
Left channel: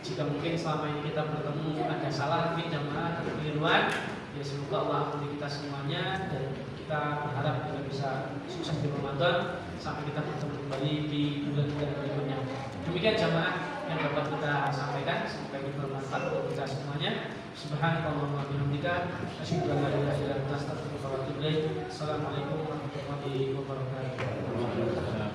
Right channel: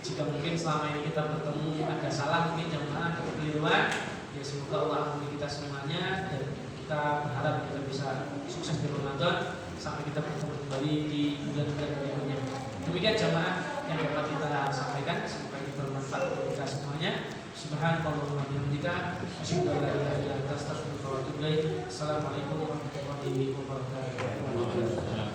Jika mungkin selama ini kita bertemu ada salah, mungkin jamaah kekeliruan, ya semoga Allah ampuni kita semuanya, dan kita berharap kita bisa sukses di Ramadan sampai kita bertemu kembali di bulan-bulan berikutnya. Demikian jamaah yang dapat kita sampaikan, semoga ini bermanfaat untuk kita semuanya. Subhanallahumma wa bihamdika, asyhadu an la ilaha illa anta, astaghfiruka wa atubu ilaik. Assalamualaikum warahmatullahi wabarakatuh.